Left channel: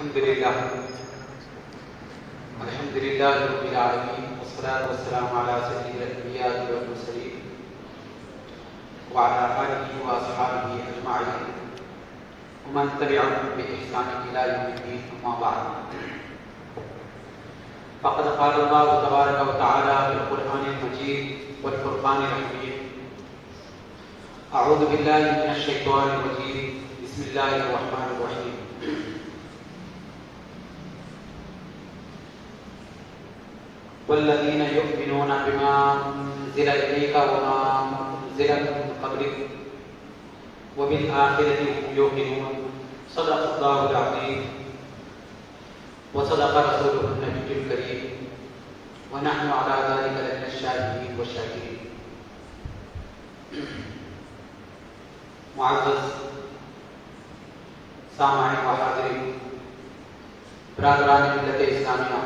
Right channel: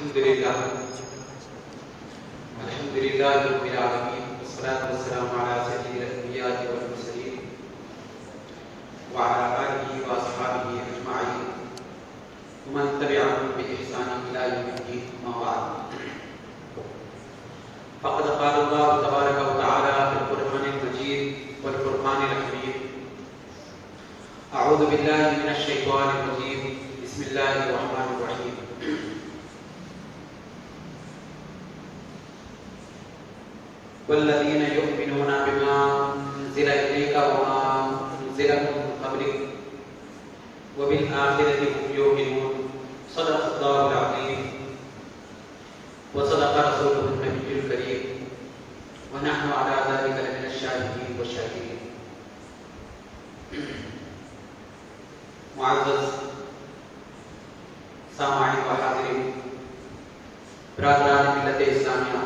الحمد لله رب العالمين والصلاة والسلام على سيد الأنبياء والمرسلين وعلى آله وأصحابه أجمعين ومن تبعهم بإحسان إلى يوم الدين. أما بعد، فقد قال الله تبارك وتعالى في القرآن المجيد والفرقان الحميد: أعوذ بالله من الشيطان الرجيم، بسم الله الرحمن الرحيم. والذين يؤمنون بما أنزل إليك وما أنزل من قبلك وبالآخرة هم يوقنون. صدق الله العظيم وصدق رسوله النبي الكريم ونحن على ذلك لمن الشاهدين والشاكرين. معزز سامعین و حاضرین، برادران ملت اسلامیہ،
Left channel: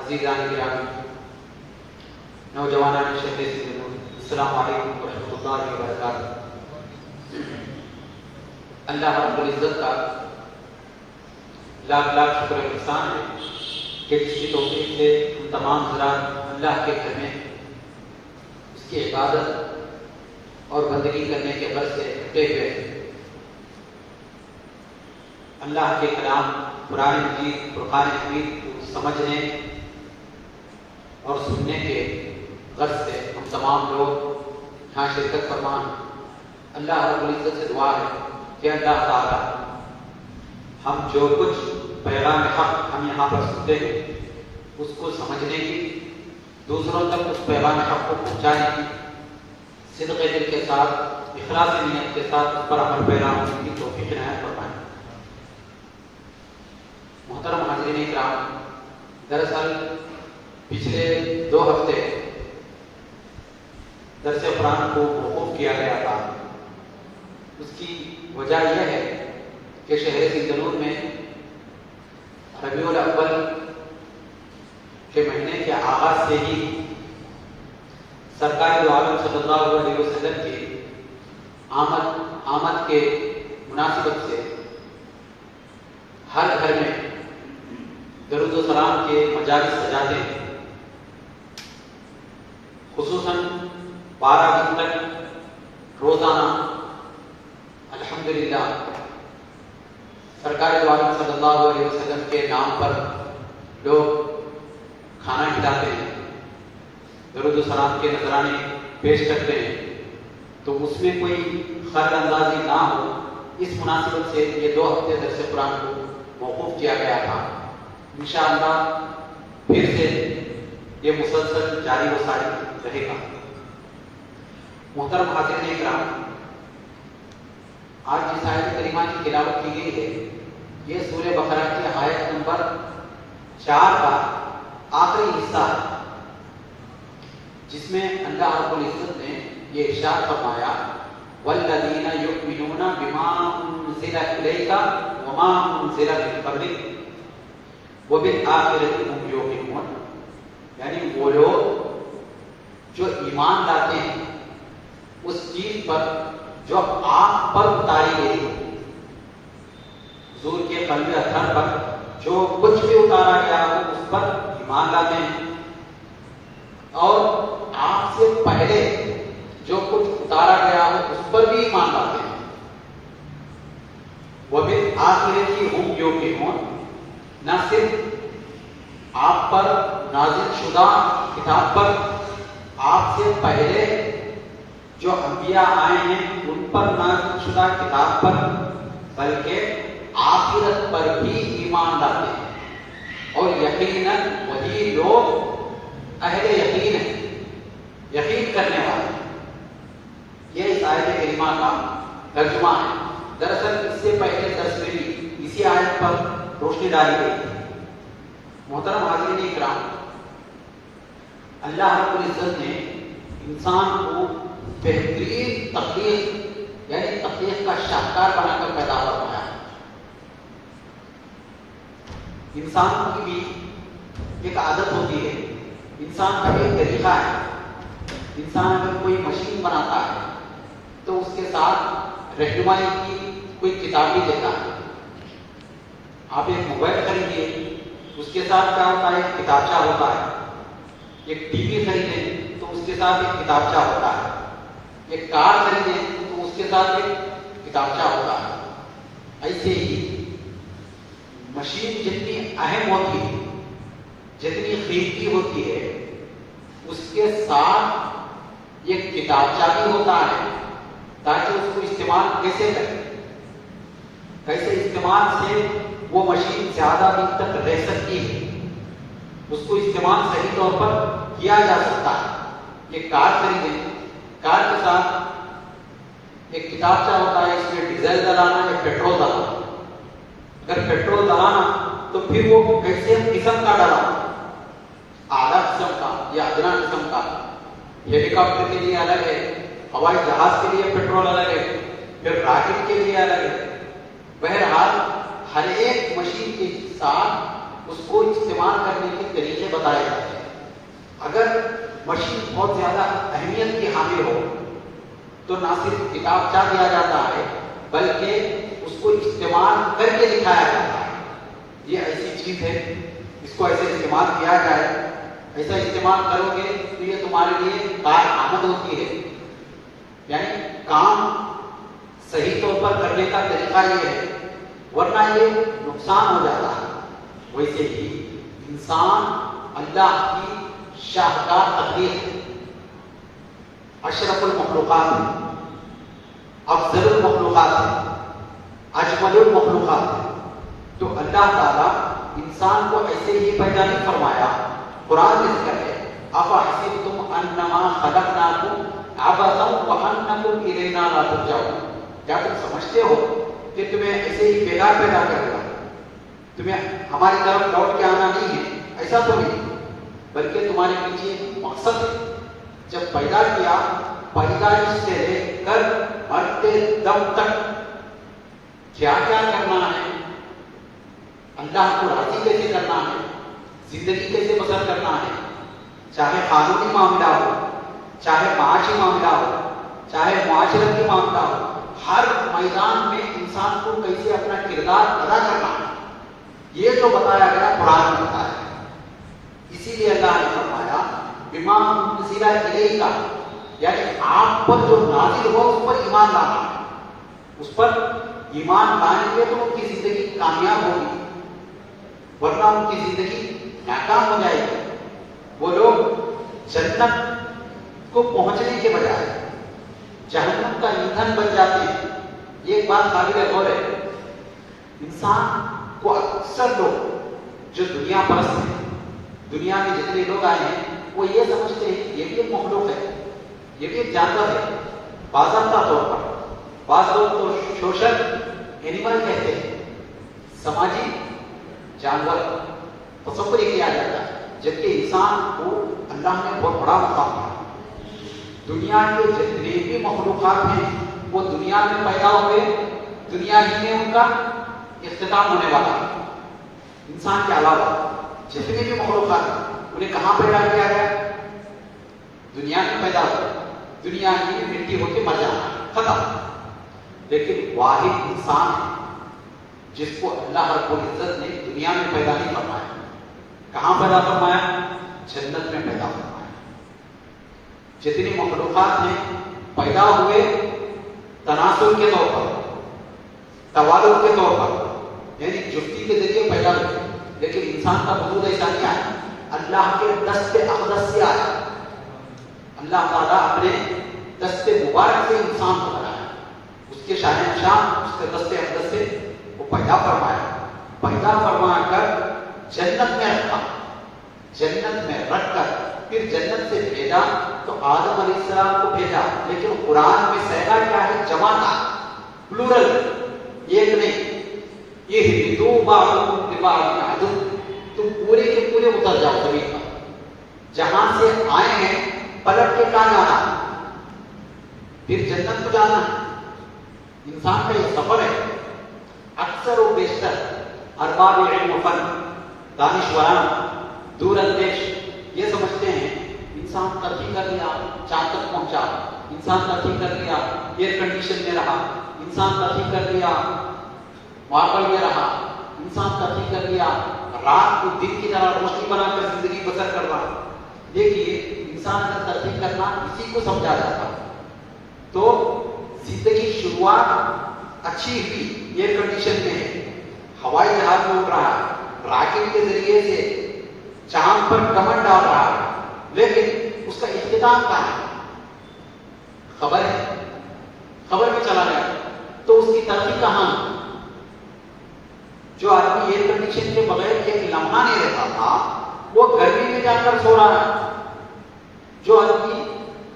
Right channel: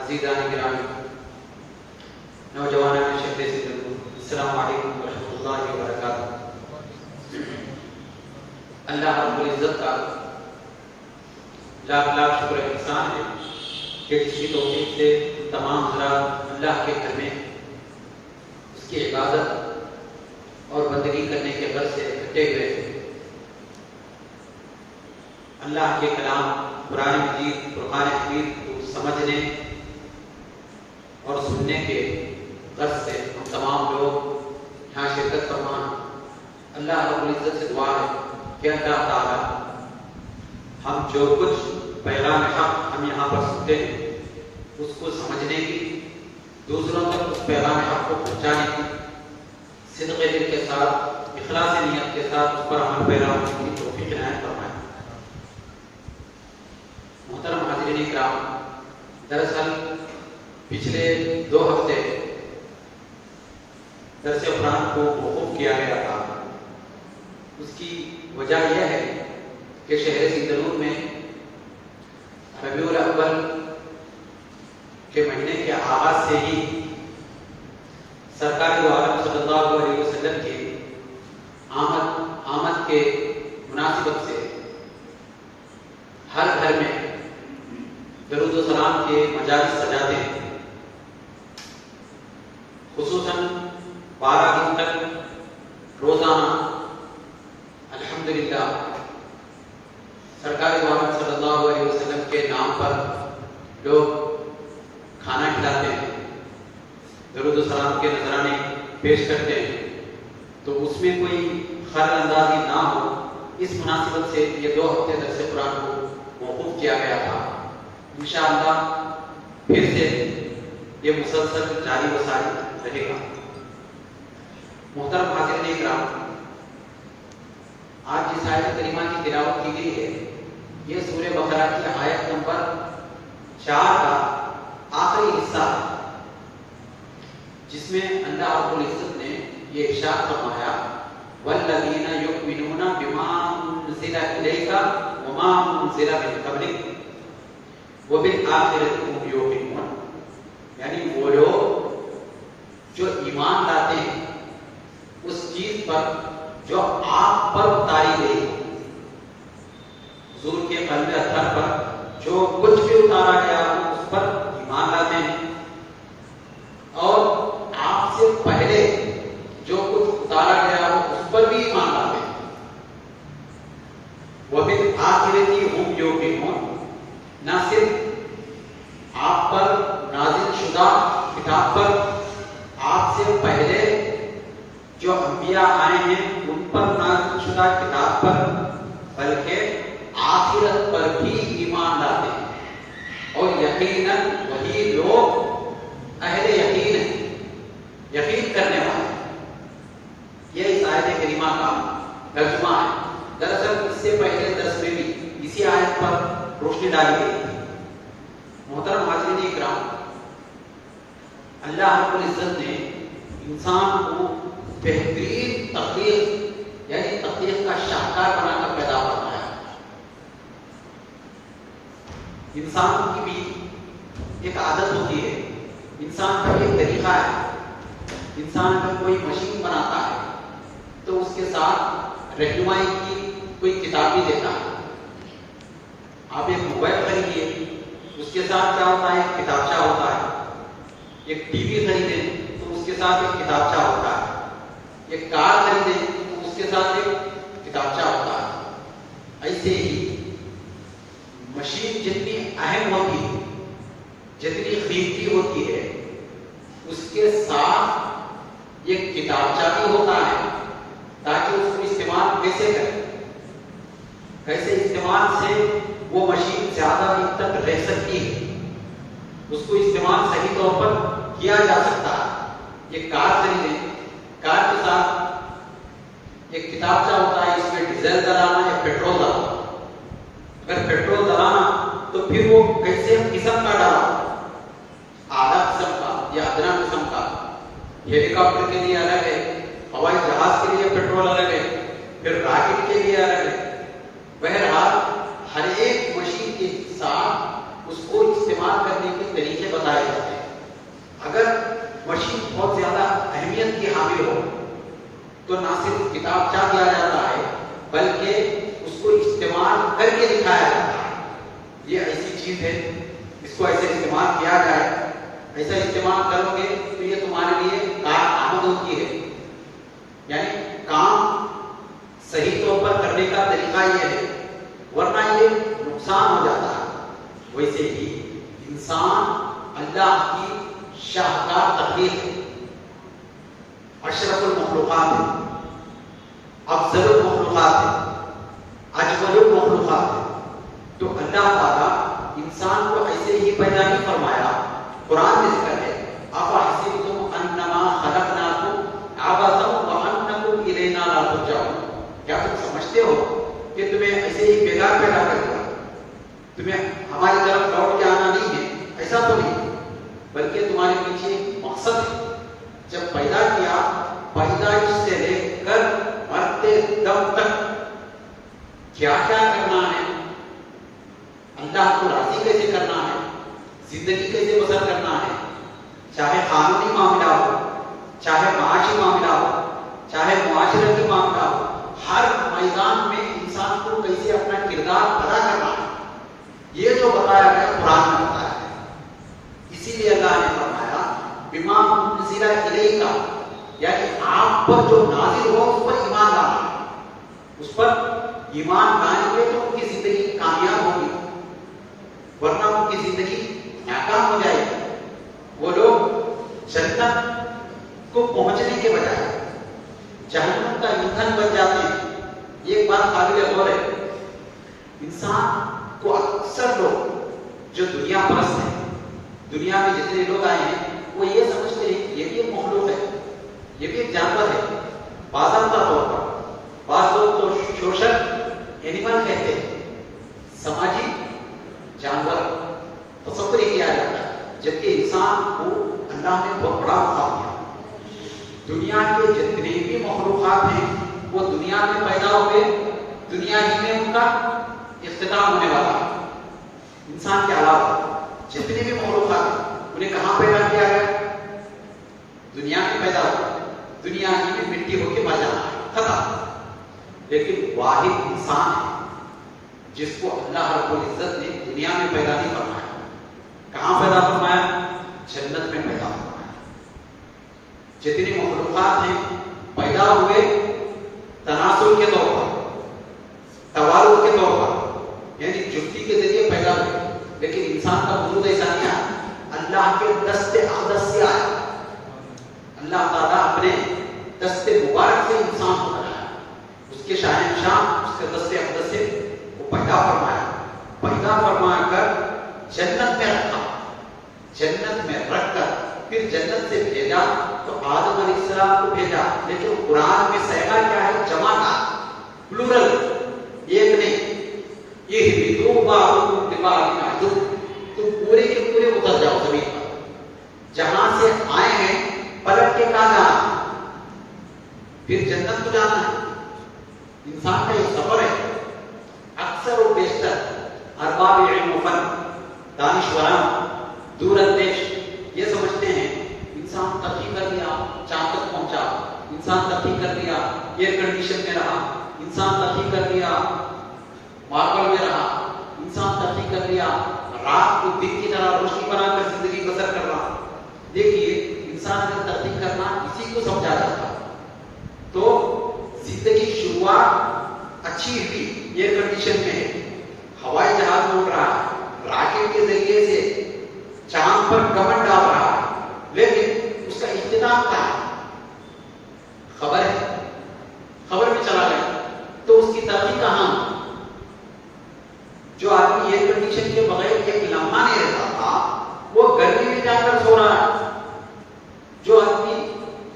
عزیزان گرامی، نوجوانان شہر سندھ، السلام علیکم ورحمۃ اللہ وبرکاتہ. اللہ رب العزت کا لاکھ لاکھ شکر و احسان ہے کہ جس کی توفیق سے تمام حضرات اللہ کے گھر میں اس کی عبادت اور بندگی کرنے کے غرض سے اکٹھے ہوئے ہیں. اللہ کے کلام قرآن مجید فرقان حمید کو سمجھنے اور سننے کے غرض سے ہم تمام لوگ یہاں شرکت فرمان. اللہ رب العزت سے دعا ہے کہ اللہ تعالیٰ ہم جو کچھ پیغام حق ہم یہاں پر سنتے ہیں اس کو سمجھنے کی، دوسروں تک اس پیغام حق کو پہنچانے کی صدق دل کے ساتھ، اخلاص نیت کے ساتھ اس پر عمل پیرا ہونے کی توفیق عنایت فرمائے. محترم حاضرین کرام، دراصل پچھلے 2 ہفتے درس قرآن کو موقوف کیا گیا تھا. اس کی وجہ یہ ہے کہ شہر سندھ میں ربیع الاول کے مہینے کے آغاز سے ہی سرکار دو عالم صلی اللہ علیہ وسلم کی آمد کے مناسبت سے ہر گھر میں درود و سلام کے مجالس سجاتے ہیں. خصوصاً 12 دن تک روزانہ الحمدللہ سرکار دو عالم صلی اللہ علیہ وسلم کے نام پر لوگ کھانا کھلاتے ہیں، درود و سلام کے نذرانے پیش کرتے ہیں. تو اس میں کوئی خلل اندازی نہ ہو، اس مناسبت سے یہ 2 ہفتے درس قرآن کو موقوف کیا گیا تھا. انشاءاللہ پھر سے یہ مسلسل جاری و ساری رہے گا. محترم حاضرین کرام، آج جس آیت کریمہ کی تلاوت کی گئی ہے یہ سورہ بقرہ کی آیت نمبر 4 کا آخری حصہ ہے، جس میں اللہ رب العزت نے یہ ارشاد فرمایا: والذین یؤمنون بما انزل الیک وما انزل من قبلک وبالآخرۃ هم یوقنون. یعنی وہ لوگ جو ایمان لاتے ہیں اس چیز پر جو آپ پر اتاری گئی ہو، حضور کے قلب اطہر پر جو کچھ بھی اتارا گیا ہو اس پر ایمان لاتے ہیں، اور آپ سے پہلے جو کچھ اتارا گیا ہو اس پر بھی ایمان لاتے ہیں. وبالآخرۃ هم یوقنون. نہ صرف آپ پر نازل شدہ کتاب پر، آپ سے پہلے جو انبیاء آئے ہیں ان پر نازل شدہ کتاب پر، بلکہ آخرت پر بھی ایمان لاتے ہیں. اور یقیناً وہی لوگ اہل یقین ہیں، یقین کرنے والے. یہ اس آیت کریمہ کا ترجمہ ہے. دراصل اس سے پہلے درس میں بھی اسی آیت پر روشنی ڈالی گئی تھی. محترم حاضرین کرام، اللہ رب العزت نے انسان کو بہترین تخلیق یعنی تخلیق کا شاہکار بنا کر پیدا فرمایا. انسان کی بھی ایک عادت ہوتی ہے، انسان کا ایک طریقہ ہے. انسان اگر کوئی مشین بناتا ہے تو اس کے ساتھ رہنمائی کی کوئی کتاب بھی دیتا ہے. آپ ایک موبائل خریدیے، اس کے ساتھ کیا ہوتا ہے؟ ایک کتابچہ ہوتا ہے۔ ایک ٹی وی خریدیں تو اس کے ساتھ ایک کتابچہ ہوتا ہے۔ ایک کار خریدیں تو اس کے ساتھ ایک کتابچہ ہوتا ہے۔ ایسے ہی مشین جتنی اہم ہوتی ہے، جتنی قیمتی ہوتی ہے، اس کے ساتھ ایک کتابچہ بھی ہوتا ہے تاکہ اس کو استعمال کیسے کریں، کیسے استعمال سے وہ مشین زیادہ دن تک رہ سکتی ہے، اس کو استعمال صحیح طور پر کیا جا سکتا ہے۔ یہ کار خریدیں، کار کے ساتھ ایک کتابچہ ہوتا ہے، اس میں ڈیزل ڈلانا یا پیٹرول ڈلانا۔ اگر پیٹرول ڈلانا تو پھر وہ کیسے قسم کا ڈالا، اعلیٰ قسم کا یا ادنا قسم کا۔ ہیلی کاپٹر کے لیے الگ ہے، ہوائی جہاز کے لیے پیٹرول الگ ہے، پھر راکٹ کے لیے الگ ہے۔ بہرحال ہر ایک مشین کے ساتھ اس کو استعمال کرنے کے طریقے بتائے جاتے ہیں۔ اگر مشین بہت زیادہ اہمیت کی حامل ہو تو نہ صرف کتابچہ دیا جاتا ہے بلکہ اس کو استعمال کر کے دکھایا جاتا ہے۔ یہ ایسی چیز ہے، اس کو ایسے استعمال کیا جائے، ایسا استعمال کرو گے تو یہ تمہارے لیے کارآمد ہوتی ہے۔ یعنی کام صحیح طور پر کرنے کا طریقہ یہ ہے، ورنہ یہ نقصان ہو جاتا ہے۔ ویسے ہی انسان اللہ کی شاہکار تخلیق ہے، اشرف المخلوقات ہے، افضل المخلوقات ہے، اجمل المخلوقات ہے۔ تو اللہ تعالیٰ انسان کو ایسے ہی پیدا نہیں فرمایا۔ قرآن میں ذکر ہے، افحسبتم انما خلقناکم عبثا وانکم الینا لا ترجعون۔ کیا تم سمجھتے ہو کہ تمہیں ایسے ہی پیدا کر دیا، تمہیں ہماری طرف لوٹ کے آنا نہیں ہے؟ ایسا تو نہیں، بلکہ تمہارے پیچھے مقصد ہے۔ جب پیدا کیا، پیدائش سے لے کر مرتے دم تک کیا کیا کرنا ہے، اللہ کو راضی کیسے کرنا ہے، زندگی کیسے بسر کرنا ہے، چاہے قانونی معاملہ ہو، چاہے معاشی معاملہ ہو، چاہے معاشرتی معاملہ ہو، ہر میدان میں انسان کو کیسے اپنا کردار ادا کرنا ہے، یہ جو بتایا گیا قرآن میں بتایا گیا۔ اسی لیے اللہ نے فرمایا بما انزل الیک، یعنی آپ پر جو نازل ہو اس پر ایمان لانا، اس پر ایمان لانے کے تو ان کی زندگی کامیاب ہوگی، ورنہ ان کی زندگی ناکام ہو جائے گی۔ وہ لوگ جنت کو پہنچنے کے بجائے جہنم کا ایندھن بن جاتے ہیں۔ یہ ایک بات قابل غور ہے۔ انسان کو اکثر لوگ جو دنیا پرست ہیں، دنیا میں جتنے لوگ آئے ہیں، وہ یہ سمجھتے ہیں کہ یہ بھی ایک مخلوق ہے، یہ بھی ایک جانور ہے۔ باضابطہ طور پر بعض لوگ تو سوشل اینیمل کہتے ہیں، سماجی جانور تصور کیا جاتا ہے، جبکہ انسان کو اللہ نے بہت بڑا مقام دیا۔ دنیا کے جتنے بھی مخلوقات ہیں وہ دنیا میں پیدا ہوئے، دنیا ہی میں ان کا اختتام ہونے والا ہے۔ انسان کے علاوہ جتنے بھی مخلوقات ہیں انہیں کہاں پیدا کیا گیا؟ دنیا میں پیدا ہوا، دنیا ہی میں مٹی ہو کے مر جانا، ختم۔ لیکن واحد انسان ہے جس کو اللہ رب العزت نے دنیا میں پیدا نہیں فرمایا۔ کہاں پیدا فرمایا؟ جنت میں پیدا فرمایا۔ جتنے مخلوقات ہیں پیدا ہوئے تناسل کے طور پر، توالد کے طور پر، یعنی جفتی کے ذریعے پیدا ہوئے، لیکن انسان کا وجود ایسا نہیں آیا، اللہ کے دست اقدس سے آیا۔ اللہ تعالیٰ اپنے دست مبارک سے انسان کو بنایا، اس کے شاہنشاہ، اس کے دست اقدس سے وہ پیدا فرما کر جنت میں رکھا، جنت میں رکھ کر پھر جنت سے بھیجا تو آدم علیہ السلام کو بھیجا۔ لیکن قرآن میں صیغہ کیا ہے؟ جمع کا، پلورل، ایک نہیں۔ یہ دو بعضکم لبعض عدو، تم پورے کے پورے اتر جاؤ زمین پر، جہاں سے آئے ہیں پلٹ کے کہاں جانا، پھر جنت کو جانا ہے۔ انسان کا یہ سفر ہے۔ اکثر و بیشتر ارباب علم و فن، دانشوران، دور اندیش یہ سمجھتے ہیں انسان ترقی کر لیا، چاند تک پہنچا، انسان ترقی کر لیا، ایئر کنڈیشن میں رہا، انسان ترقی کر لیا، ماربل میں رہا، انسان ترقی کر لیا، رات کو دن کی طرح روشنی بنا کر زندگی بسر کرنا. دیکھیے انسان کا ترقی کرنا اسی کو سمجھا جاتا ہے. تو زندگی شروعات اچھی ہوئی ایئر کنڈیشن میں ہے، ہوائی جہاز اڑ رہا ہے، راکٹ کے ذریعے سے چاند پر کمر ڈال رہا ہے، لیکن اس کا اختتام کہاں ہے؟ خبر ہے، خبر میں چلا گیا. تو اس کی ترقی کہاں؟ جو آدمی ایئر کنڈیشن کے بغیر ایک لمحہ نہیں رہتا تھا وہ گرمی میں جا کر سو رہا ہے. جو آدمی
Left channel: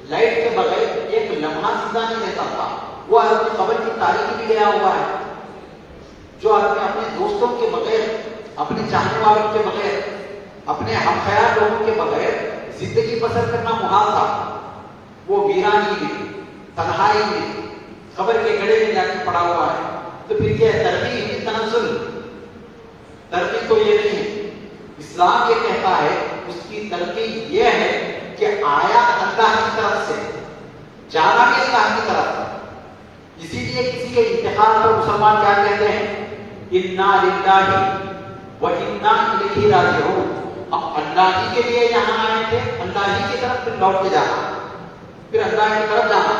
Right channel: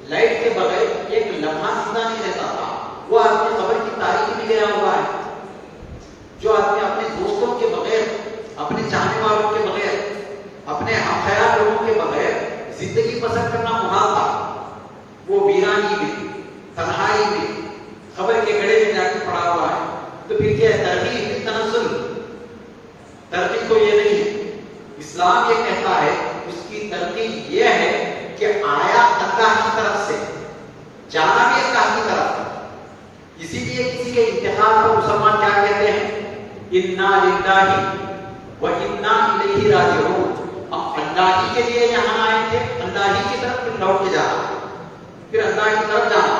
لائٹ کے بغیر ایک لمحہ زندہ نہیں رہتا تھا وہ آدمی قبر کی تاریخی میں گیا ہوا ہے. جو آدمی اپنے دوستوں کے بغیر، اپنے چاہنے والوں کے بغیر، اپنے ہم خیال لوگوں کے بغیر زندگی بسر کرنا محال تھا، وہ ویرانی میں، تنہائی میں، خبر کے گڑھے میں جا کے پڑا ہوا ہے. تو پھر کیا ہے؟ ترقی کی تنزل. ترقی تو یہ نہیں ہے. اسلام یہ کہتا ہے اس کی ترقی یہ ہے کہ آیا اللہ کی طرف سے، جانا بھی اللہ کی طرف سے. اسی لیے کسی کے انتقال پر مسلمان کیا کہتے ہیں؟ انا للہ و انا الیہ راجعون. ہم اللہ ہی کے لیے یہاں آئے تھے، اللہ ہی کی طرف پھر لوٹ کے جانا، پھر اللہ کی طرف جانا.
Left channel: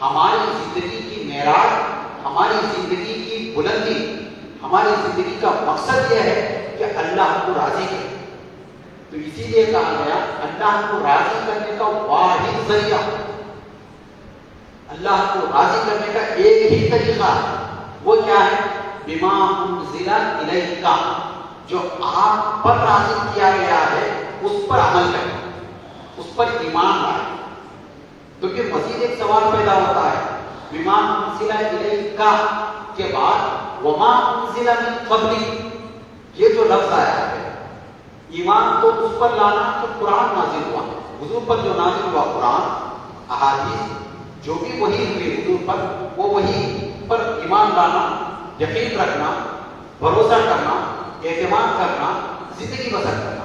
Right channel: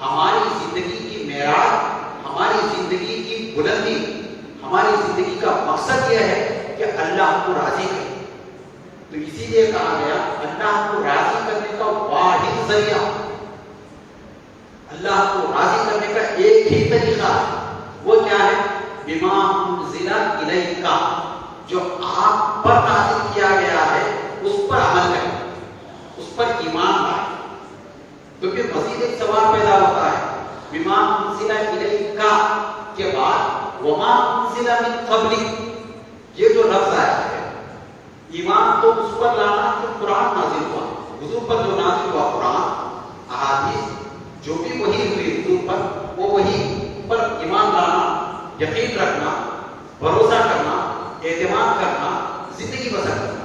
ہماری زندگی کی معراج، ہماری زندگی کی بلندی، ہماری زندگی کا مقصد یہ ہے کہ اللہ ہم کو راضی کرے. تو اسی لیے کہا گیا اللہ ہم کو راضی کرنے کا واحد ذریعہ، اللہ کو راضی کرنے کا ایک ہی طریقہ ہے. وہ کیا ہے؟ بما انزل الیک، جو آپ پر نازل کیا گیا ہے اس پر عمل کریں، اس پر ایمان لائیں. تو پھر مزید ایک سوال پیدا ہوتا ہے، بما انزل الیک کے بعد وما انزل من قبلک، یہ جو لفظ آیا ہے، ایمان تو اس پر لانا جو قرآن نازل ہوا، حضور پر جو نازل ہوا قرآن، احادیث جو بھی وحی ہوئی حضور پر، وہ وحی پر ایمان لانا، یقین رکھنا، بھروسہ کرنا، اعتماد کرنا، زندگی بسر کرنا.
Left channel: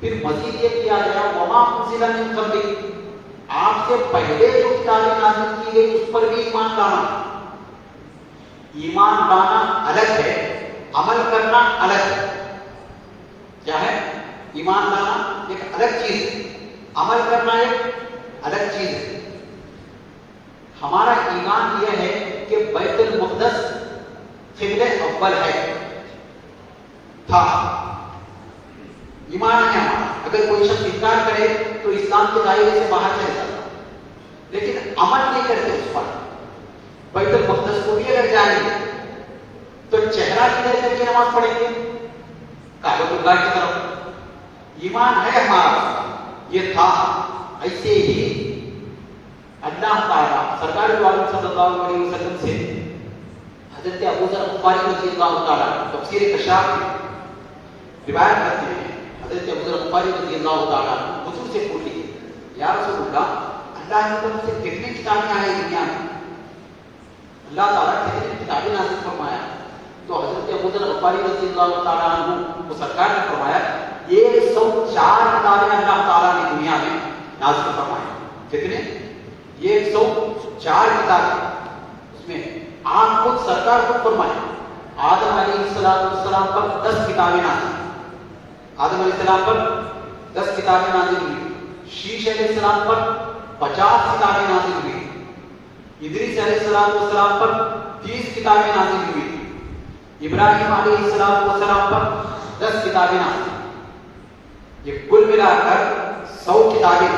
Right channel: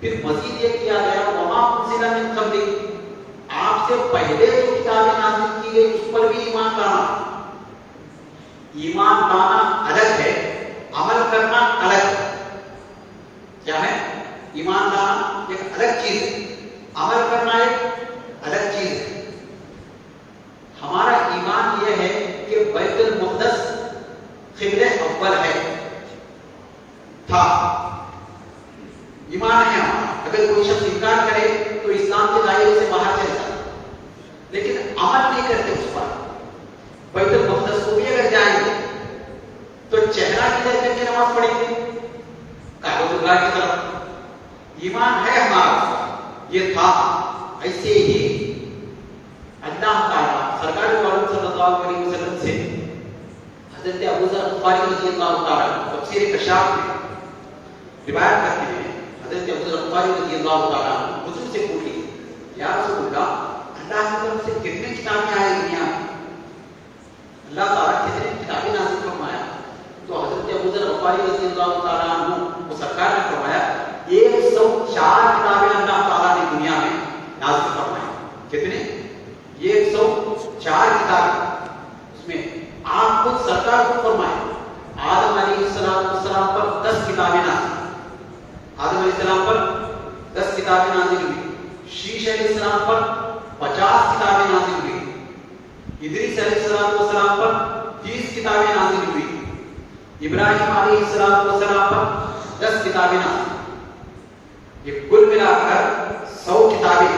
پھر مزید یہ کیا گیا وما انزل من قبلک، آپ سے پہلے جو کتابیں نازل کی گئی اس پر بھی ایمان لانا. ایمان لانا الگ ہے، عمل کرنا الگ ہے. کیا ہے؟ ایمان لانا ایک الگ چیز ہے، عمل کرنا ایک الگ چیز ہے. ہمارا ایمان یہ ہے کہ بیت المقدس قبلہ اول ہے، تھا. ایمان ہے ہمارا. اگر کوئی شخص انکار کرے تو اسلام کے دائرے سے باہر چلے جاتا، لیکن عمل نہیں کرتے اس پر. بیت المقدس کو بھی اگر جائیں گے تو چہرہ کدھر کر کے نماز پڑھیں گے؟ کعبۃ اللہ کی طرف. ایمان ہے ہمارا، یہ تھا. ایسے ہی اللہ تعالیٰ سرکار عالم صلی اللہ علیہ وسلم سے حضرت ابو ذر غفاری رضی اللہ تعالیٰ تفسیر کشاف میں روایت کرتے ہیں، حضرت ابو ذر غفاری رضی اللہ تعالیٰ حضور سے پوچھتے ہیں، یا رسول اللہ کی طرف سے کتنی کتابیں آئی دنیا میں؟ اللہ تعالیٰ کتنی کتابیں نازل فرمایا؟ تو حضرت ابو ذر غفاری رضی اللہ تعالیٰ عنہ وہ سرکار نے فرمایا 104 کتابیں اللہ تعالیٰ نے دنیا میں نازل فرمایا. کتنے؟ 104 کتابیں. اس میں آپ خود سرکار کو فرمائے آدم علیہ السلام پر 10 کتابیں نازل، آدم علیہ السلام پر 10 کتابیں نازل ہوئی. شیش علیہ السلام پر 50 کتابیں نازل ہوئی. ادریس علیہ السلام پر 30 کتابیں نازل ہوئی. ابراہیم علیہ السلام پر 10 کتابیں نازل. یہ کل ملا کر 100 کتابیں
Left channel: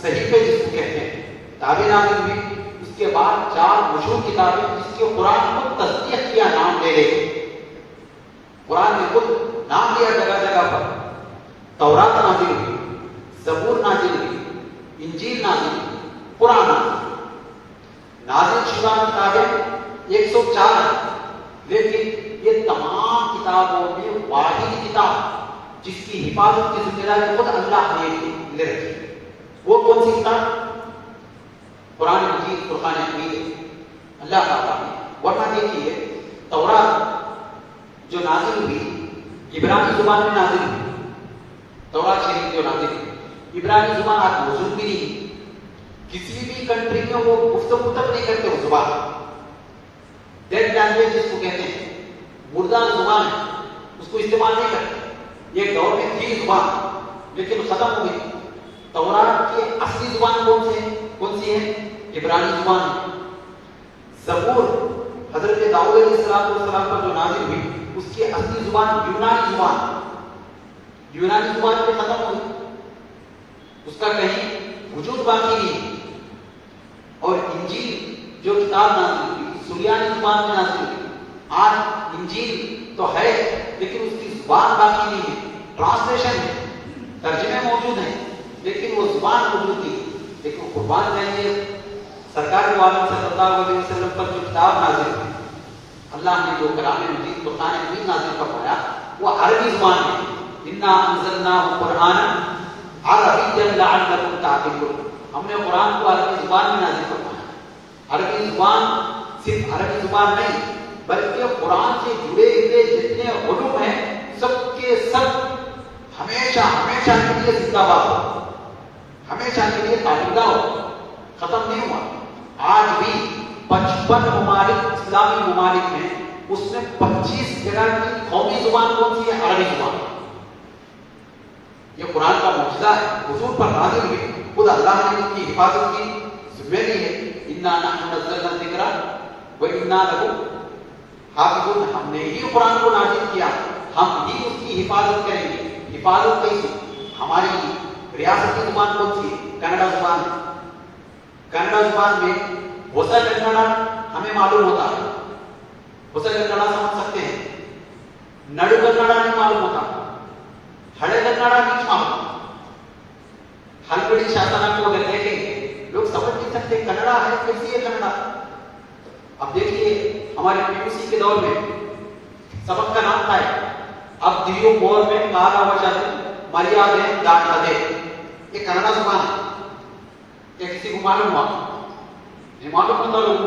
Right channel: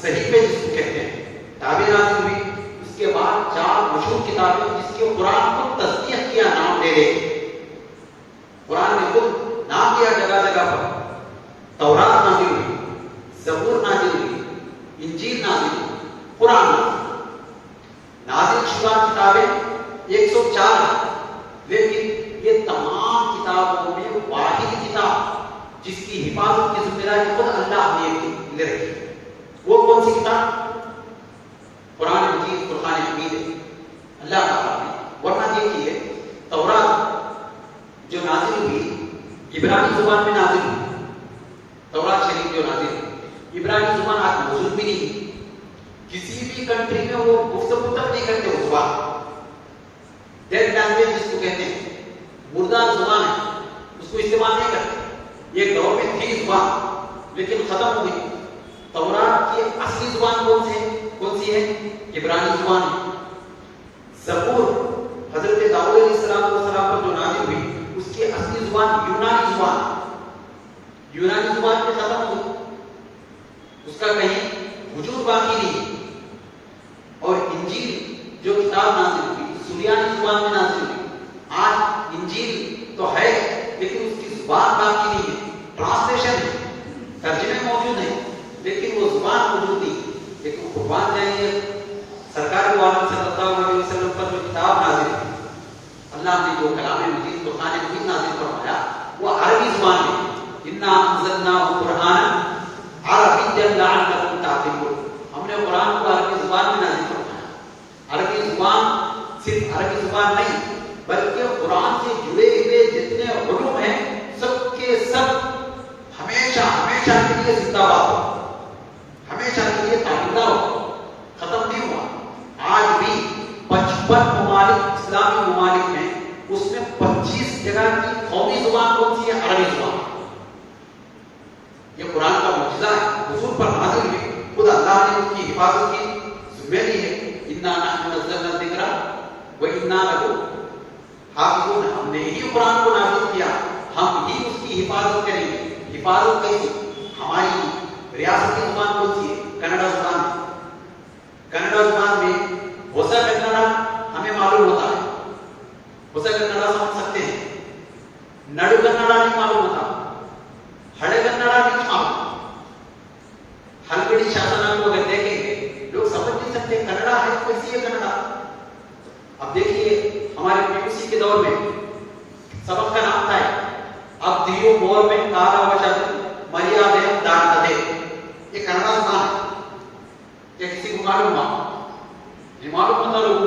صحیفے جس کو کہتے ہیں کتابیں نازل ہوئی. اس کے بعد 4 مشہور کتابیں جس کے قرآن کو تصدیق کیا نام دے رہے. قرآن نے خود نام دیا جگہ جگہ پر. تورات نازل ہوئی، زبور نازل ہوئی، انجیل نازل ہوئی، قرآن نازل شدہ کتابیں 104 ہیں. لیکن یہ تمام کتابوں میں واحد کتاب جس کی حفاظت کی ذمہ داری خود اللہ نے لے رکھی، وہ کون سی کتاب؟ قرآن مجید، قرآن حمید ہے اللہ تعالیٰ نے. ورنہ دیکھیے تورات جو نازل ہوئی عبرانی زبان میں نازل ہوئی، تورات شریف جو نازل ہوئی عبرانی زبان آج موجود بھی نہیں. کسی بھی کنٹری میں وہ گفتگو تک نہیں کرتے وہ زبان. ڈیڈ لینگویج جس کو کہتے ہیں، مردہ زبان ہے. اس کو استعمال نہیں کرتے. ایک دور میں تھی زبان لیکن ختم ہو گئی. تورات کی اصلی زبان کون سی ہے؟ عبرانی زبان. زبور حضرت داؤد علیہ السلام پر جو نازل ہوئی اس کی اصلی زبان یونانی زبان پہ ختم ہو گئی. اس کا کہیں وجود باقی نہیں. اور انجیل جو کتاب نازل ہوئی سریانی زبان میں نازل ہوئی. آج انجیل تو ہے لیکن اس کی زبان باقی نہیں ہے. ٹرانسلیشن ہے, ترجمے موجود ہیں لیکن وہ زبان موجود نہیں. لیکن قربان جائیے سرکار دو عالم صلی اللہ علیہ وسلم پر جو کتاب نازل ہوئی, اللہ نے جو کلام مجید قرآن مجید نازل فرمایا وہ عربی زبان میں. انا انزلناہ قرآنا عربیا لعلکم تعقلون. ہم نے قرآن کو عربی زبان میں نازل فرمایا. عربی زبان صرف عربی زبان نہیں بلکہ قرآن سے جڑے ہوئے جتنے علوم ہیں سب کے سب ہمیشہ کے لیے زندہ باد ہو, ہمیشہ کے لیے تعلیمدہ ہو, ختم نہیں ہوا. آج بھی 55 ممالک اسلامی ممالک میں اس میں 25 جگہ کی قومی زبان کون سی ہے؟ عربی زبان. یہ قرآن کا معجزہ ہے, حضور پر نازل ہوئی, خود اللہ نے اس کی حفاظت کی ذمہ لی ہے. انا نحن نزلنا الذکر وانا لہ حافظون. ہم نے ہی قرآن کو نازل کیا, ہم ہی اس کی حفاظت کریں گے. حفاظت کیسی؟ ہماری ریاستی زبان کون سی ہے؟ کنڑا زبان. کنڑا زبان میں ہوسا کنڑا ہمیں معلوم ہوتا ہے, ہوسا کنڑا سمجھ سکتے ہیں. نڈو کنڑا نہیں معلوم ہوتا, ہڑے کنڑا نہیں معلوم. ہلکڑی شاسنا کو اگر دیکھیں گے لوگ سمجھ نہیں سکتے کنڑا ہے کیسی ہے کنڑا. اب دیکھیے ہمارے PUC کے دور میں سبق کا نام تھا اب دیو گور میں کالا وجہ مریادے دانا دے. یہ کنڑا زبان ہے. کیا کسی کو معلوم ہوا؟ نہیں معلوم ہوتا. لوگوں کو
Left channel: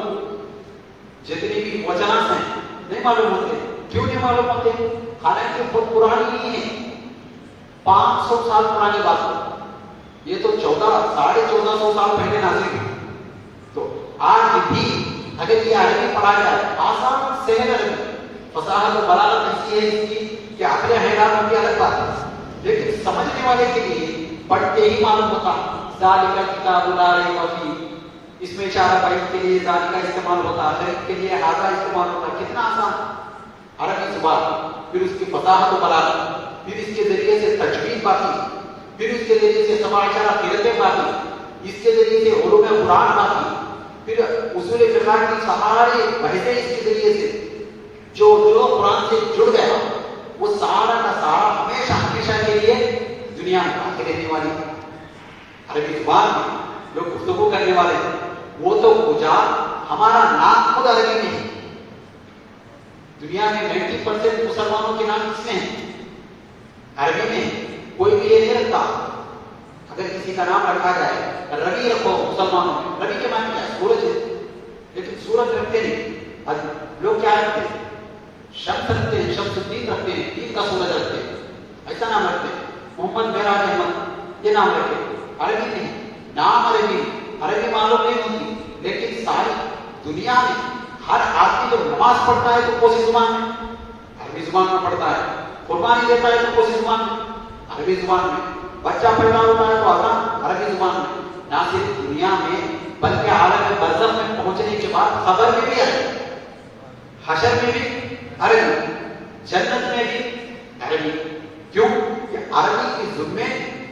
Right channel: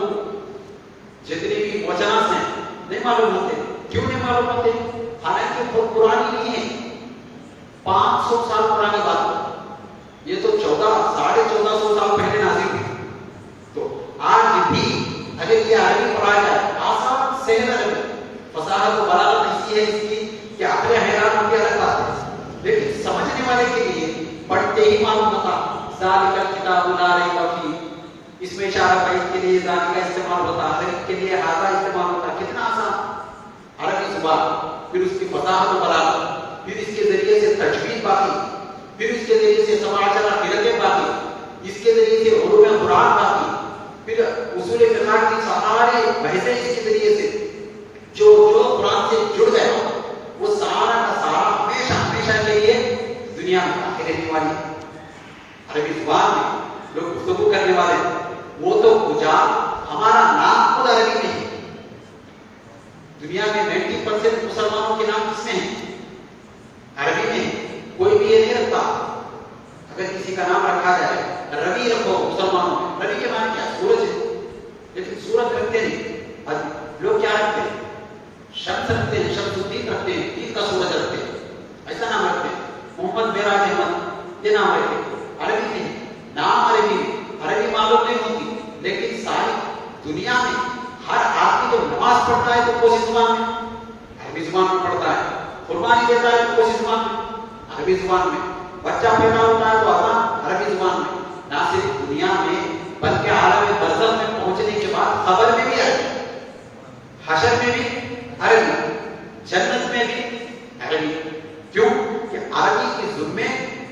جتنے بھی وچنات ہیں نہیں معلوم ہوتے. کیوں نہیں معلوم ہوتے؟ حالانکہ بہت پرانی نہیں ہے, 500 سال پرانی بات ہے. یہ تو 1450 سال پہلے نازل ہوئی. تو آج بھی اگر یہ عربی پڑھا جائے آسان سہل عربی, فصاحت و بلاغت ایسی ہے اس کی کہ عقل حیران ہو کے الگ بات ہے. لیکن سمجھنے والے کے لیے پڑھتے ہی معلوم ہوتا ذالک الکتاب لا ریب فیہ. اس میں اشارہ بعید کے لیے ذالک کا استعمال ہوتا, غیب کے لیے ھذا استعمال ہوتا. کتنا آسان عربی زبان. پھر اس کی فصاحت و بلاغت, پھر اس کے ذریعے سے تجوید باقی, پھر اس کے ذریعے سے سبع عشرہ قرأتیں باقی, اس کے ذریعے سے علوم قرآن باقی, پھر اصول فقہ کی ساری بحثیں اس کے ذریعے سے جو قرآن سے جڑ گیا وہ سارا کا سارا ہمیشہ کے لیے دنیا میں باقی رہنے والی. عربی زبان میں لوگ گفتگو کرنے والے ہیں وہ تو کجا, ہمارا نام خود عربی میں ہے. دنیا میں 90% مسلمانوں کے نام کس میں ہیں؟ عربی میں. کوئی بھی یہ نہیں رکھتا. اگر کسی کا نام رکھا جائے ربی رکھو مسلمانوں میں, ربی کے معنی کیا؟ سورج ہے, لیکن سورج رکھتے نہیں. لوگ کیا رکھتے ہیں؟ شمس رکھتے ہیں, شمس الدین رکھتے ہیں, دین کا سورج رکھتے ہیں, ایسا نام رکھتے ہیں. محمد معراج احمد یہ نام رکھتے ہیں. عربی نہیں, نام عربی معلوم نہیں ہوتی. لیکن ساری دنیا میں ہر آدمی جب نماز پڑھتا ہے تو کون سی زبان میں؟ عربی زبان میں پڑھتا ہے. قربانی دیتا ہے تو کون سی زبان میں؟ عربی زبان میں. بچہ پیدا ہوتا ہے تو اذان عربی زبان میں. نہ صرف دنیا میں بلکہ عالم برزخ میں پہنچنے کے بعد قبر میں بھی عربی, حشر میں بھی عربی, جنت میں بھی عربی. کیوں کہ عربی کے ذمے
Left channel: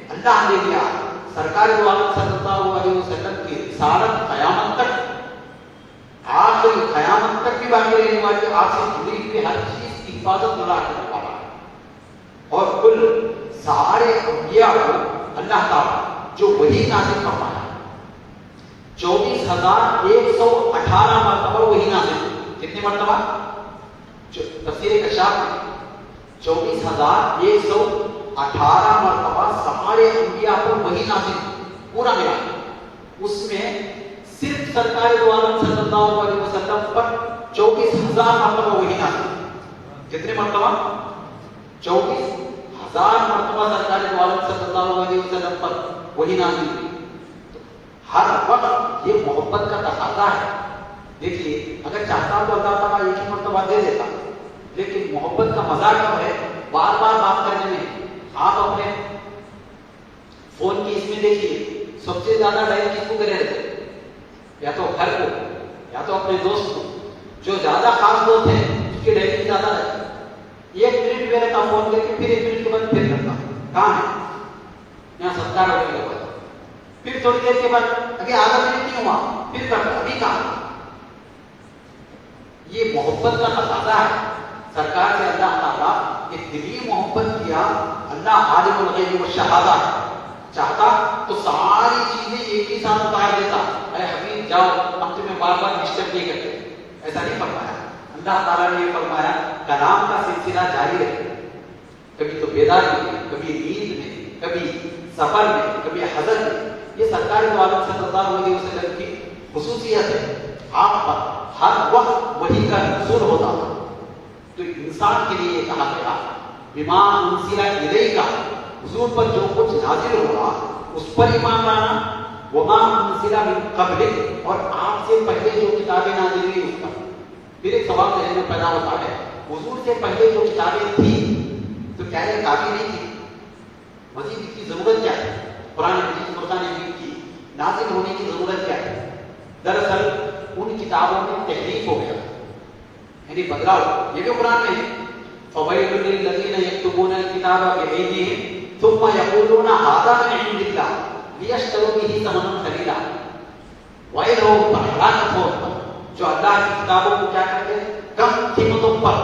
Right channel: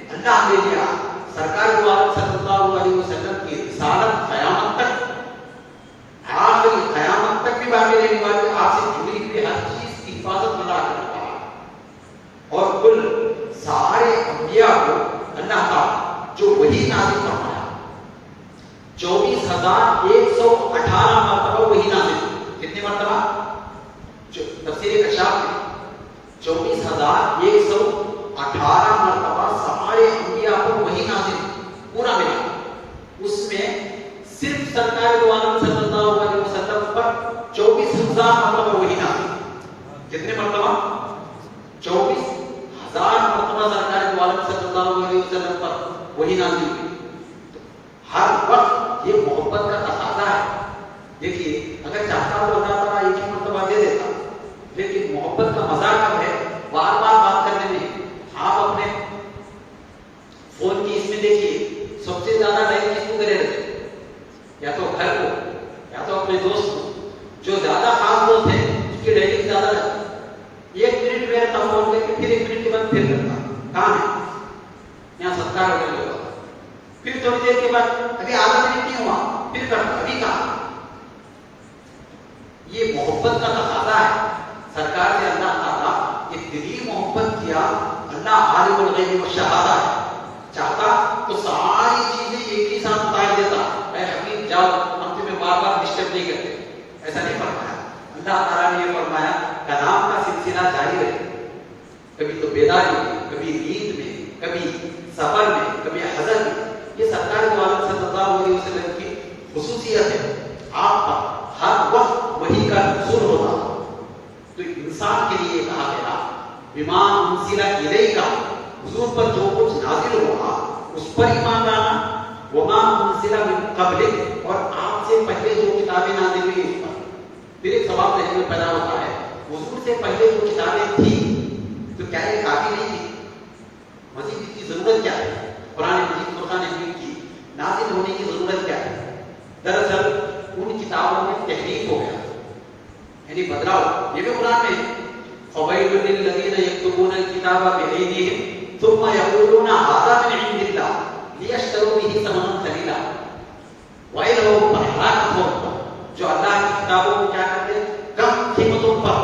اللہ نے دیا. سرکار دو عالم صلی اللہ علیہ وسلم کی رسالت قیامت تک, آخری قیامت تک بھی باقی رہنے والی. آپ سے جڑی ہوئی ہر چیز کی حفاظت اللہ کے رکھا ہے. اور کل سارے انبیاء کو اللہ تعالیٰ جو وہی نازل فرمایا 24,118 مرتبہ وہی نازل. کتنے مرتبہ؟ تفسیر کشاف میں 24,118 مرتبہ سارے انبیاء کو وہی نازل پورا ملا. اس میں صرف سرکار دو عالم صلی اللہ علیہ وسلم پر 24,000 مرتبہ وہی نازل. کتنے مرتبہ؟ 24,000 مرتبہ سرکار دو عالم صلی اللہ علیہ وسلم پر وہی نازل ہوئی. ہر وقت یہ محبت کا تقاضا ہے. دیکھیے اگر چاہتا تو اللہ تعالیٰ ایک ہی مرتبہ دے دیتا, لیکن محبت کا مزہ کب ہے؟ فون کی اس میں دیکھیے سب سے زیادہ ڈائل کس کو کرے رہتے، یا تو گھر کو یا تو اپنے دوست کو. جو زیادہ خاص دوست ہے اس کی ڈائلنگ زیادہ رہتی ہے. 1 منٹ میں رہتا فون کر کے، پھر 1 منٹ کے بعد پھر کرتا کام ہے یہاں ستار ہونے کے بعد، پھر تھوڑی دیر کے بعد ابھی آدھا منٹ نہیں ہوا پھر کرتا ابھی کام. یہ محبت کا تقاضا ہے. سرکار سے اللہ تعالیٰ ایک دلی محبت کیا. اللہ عالم الغیب والشہادہ ہے، چاہتا تو ساری چیزیں ایک ہی ساتھ اتار دیتا. اے حبیب جاؤ، ہم تمہیں بار بار ڈسٹرب نہیں کرتے. ایسا نہیں فرمایا. اللہ تعالیٰ نے یہ فرمایا کلام کا سلسلہ جاری رہے. کبھی تو بیداری میں، کبھی نیند میں، کبھی سفر میں، کبھی حضر میں. یہ سرکار والد صلی اللہ علیہ وسلم کی خصوصیت ہے. آپ پر ہر وقت وحی کا نزول ہوتا. تو انسان کے لیے کہا گیا بما انزل الیک، حضور پر جو کچھ نازل ہوا اس پر ایمان لانا. وما انزل من قبلک، اور آپ سے پہلے جو کتابیں نازل ہوئی اس پر. پھر ایک سوال ذہن میں پیدا ہوتا ہے، حضور سے پہلے جو کتابیں تھیں تو کیا یہ کافی نہیں تھی؟ مزید اس کی ضرورت کیا ہے؟ قرآن مجید فرقان حمید کی نازل ہونے کی ضرورت کیا ہے؟ دراصل ان کتابوں میں تحریف ہو گیا، یعنی بدلاؤ. یہ بھی قرآن میں ہے، فویل للذین یکتبون الکتاب بأیدیہم ثم یقولون ھذا من عند اللہ لیشتروا بہ ثمنا قلیلا ویلھم ہلاکت ہو. جو اللہ کی کتابوں کو کیا کرتے ہیں؟ کم قیمتوں پر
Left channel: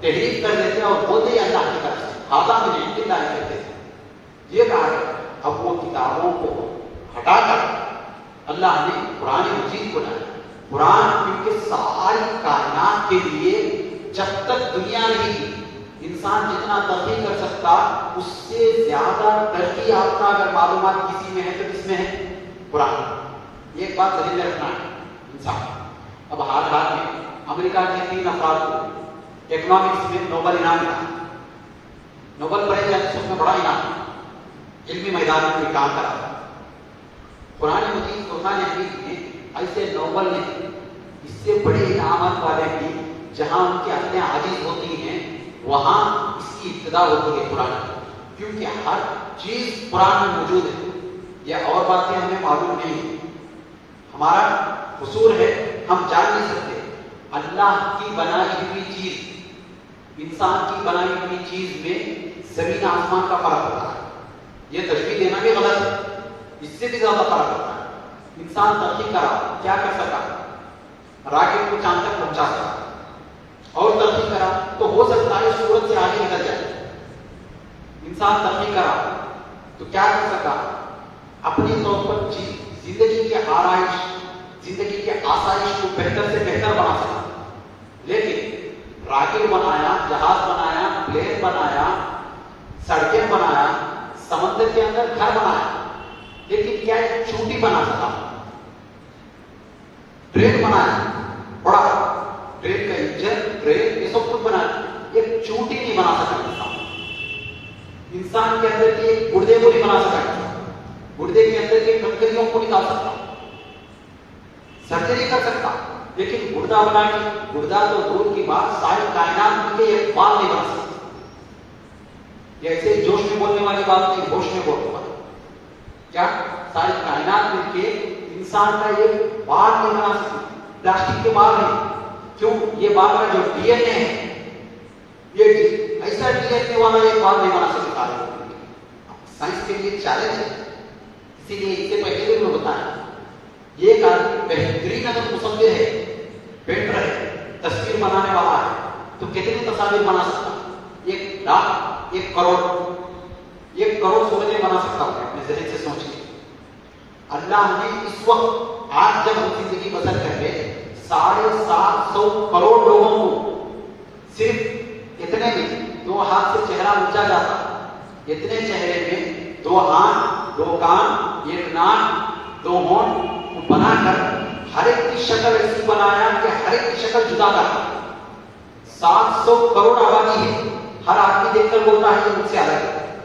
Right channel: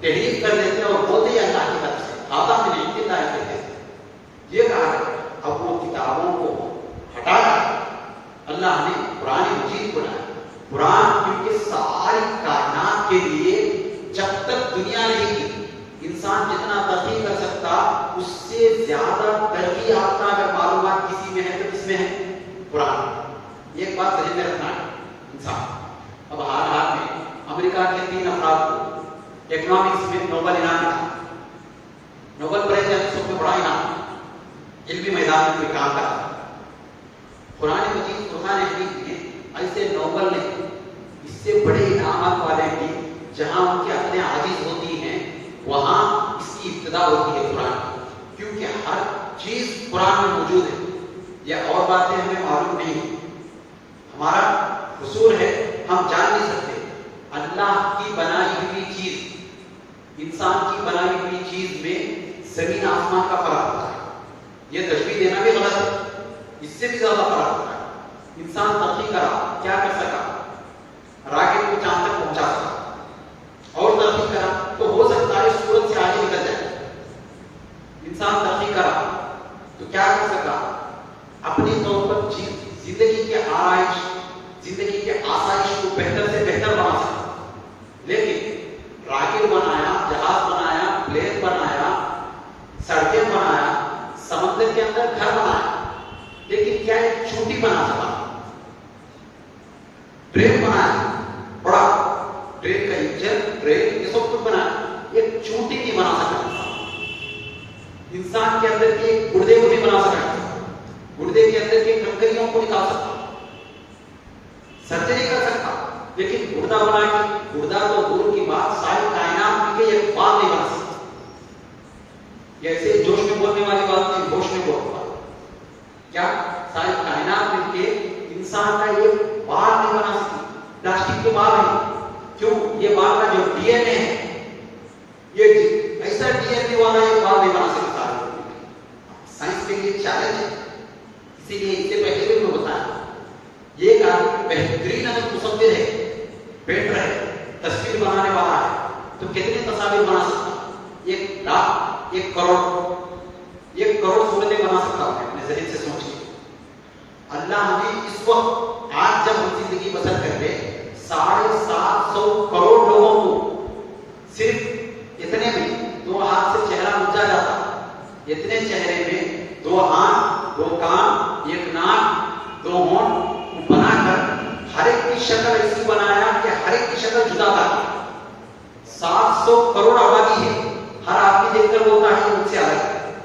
تحریف کر دیتے اور بولتے ہیں اللہ کی طرف سے ھذا من عند اللہ کہتے ہیں. یہ کہا ہے. اب وہ کتابوں کو ہٹا کر اللہ نے قرآن مجید کو لایا. قرآن کیونکہ ساری کائنات کے لیے جب تک دنیا نہیں تھی انسان جتنا ترقی کر سکتا اس سے زیادہ ترقی یافتہ اگر معلومات کسی میں ہے تو کس میں ہے؟ قرآن. یہ ایک بات ذہن میں رکھنا ہے انسان. اب حال حال میں امریکہ کے 3 افراد کو اکنامکس میں نوبل انعام ملا. نوبل پرائز میں بڑا انعام علمی میدان میں کوئی کام کرا. قرآن مجید فرقان حمید میں ایسے نوبل نے اس سے بڑے انعامات والے بھی جہاں ان کی عقلیں عاجز ہوتی ہیں وہاں اس کی ابتدا ہوتی ہے قرآن کی. کیونکہ ہر چیز قرآن میں موجود ہے. یہ اور باتیں ہمیں معلوم نہیں. ہمارا قصور ہے ہم جان نہیں سکتے. اللہ کی بنائی ہوئی چیز، انسان کی بنائی ہوئی چیز میں زمین آسمان کا فرق ہوتا ہے. یہ تشبیہ دینا بھی غلط ہے. اس سے بھی زیادہ فرق ہوتا ہے. انسان ترقی کرا کیا کر سکا؟ راکٹ کو چاند تک پہنچا سکا اور ترقی کرا تو ہو سکتا ہے سورج سے آگے نکل جائے. انسان ترقی کرا تو کیا کر سکا؟ اپنی طور پر زندگی کے آرائش، زندگی کے آسائش کو بہتر سے بہتر بنا سکا. لیکن راکٹ بنایا، جہاز بنایا، پلین بنایا، سڑکیں بنایا، سمندر کے اندر گھر بنایا، لیکن کیا ایک چونٹی بنا سکا؟ ٹرین بنایا، بڑا ٹرین کا انجن، ٹرین، یہ سب کچھ بنایا، ایک چونٹی نہیں بنا سکا انسان. انسان کے اندر کے ایک گردے کو نہیں بنا سکا. گردے کے اندر کے کنکریوں کو نکال سکتا، سرجری کر سکتا، لیکن گردہ بنا کے، گردہ تو دور کی بات، ساری کائنات مل کے ایک بات نہیں بنا سکتا. ایسے جوش میں بولنے والی بات نہیں، ہوش میں بولتا. کیا ساری کائنات مل کے انسان کا ایک بال نہیں بنا سکتی. پلاسٹک کے بال ہیں. کیوں؟ یہ بال کا جو ڈی این اے ہے، یہ ایسا ڈی این اے والا ایک بال نہیں بنا سکتا. سائنس کے لیے چیلنج ہے، اسی لیے اس سے پہلے بھی ہوتا ہے. یہ بہترین اگر مصور ہے، پینٹر ہے، تصویر بنانے والا ہے تو کتنی تصاویر بنا سکتا؟ 1 لاکھ، 1 کروڑ، 1 کروڑ صورتیں بنا سکتا ہوں. اپنے ذہن سے سوچیے. اللہ نے اس وقت آج جب ہم زندگی بسر کر رہے 750 کروڑ لوگوں کو صرف اتنے میں 2 ہاتھ سے چہرہ اونچا جاتا، اتنے چہرے میں 2 آنکھ، 2 کان، 1 ناک، 2 ہونٹ بنا کر ہر ایک کی شکل ایسی بنایا کہ ہر ایک کی شکل جدا تھا. 700 کروڑ آبادی ہے. ہر آدمی دیکھ کر بولتا ہے یہ مجھ سے الگ ہے.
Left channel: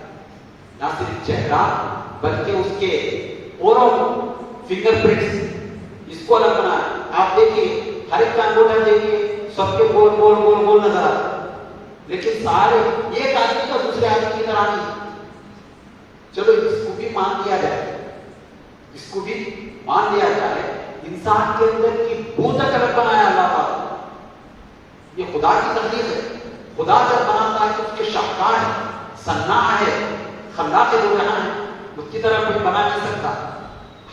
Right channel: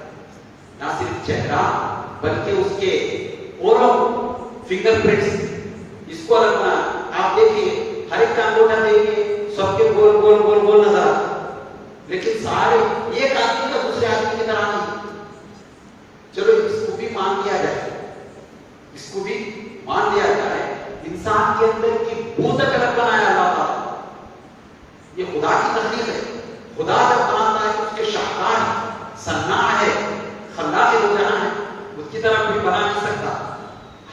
نہ صرف چہرہ بلکہ اس کے اوروں فنگر پرنٹس اس کو الگ بنا. آپ دیکھیے ہر ایک کا انگوٹھا دیکھیے سب کے گول گول گول گول نظر آتا، لیکن سارے ایک آدمی کا دوسرے آدمی کی طرح نہیں. چلو اس کو بھی مان کے اندر کی بو تک الگ بنایا اللہ تعالیٰ. یہ خدا کی تخلیق ہے. خدا جب بناتا ہے تو اس کے شاہکار ہے، صناع ہے، خلاق دو جہاں ہے، اس کی طرح کوئی بنا نہیں سکتا.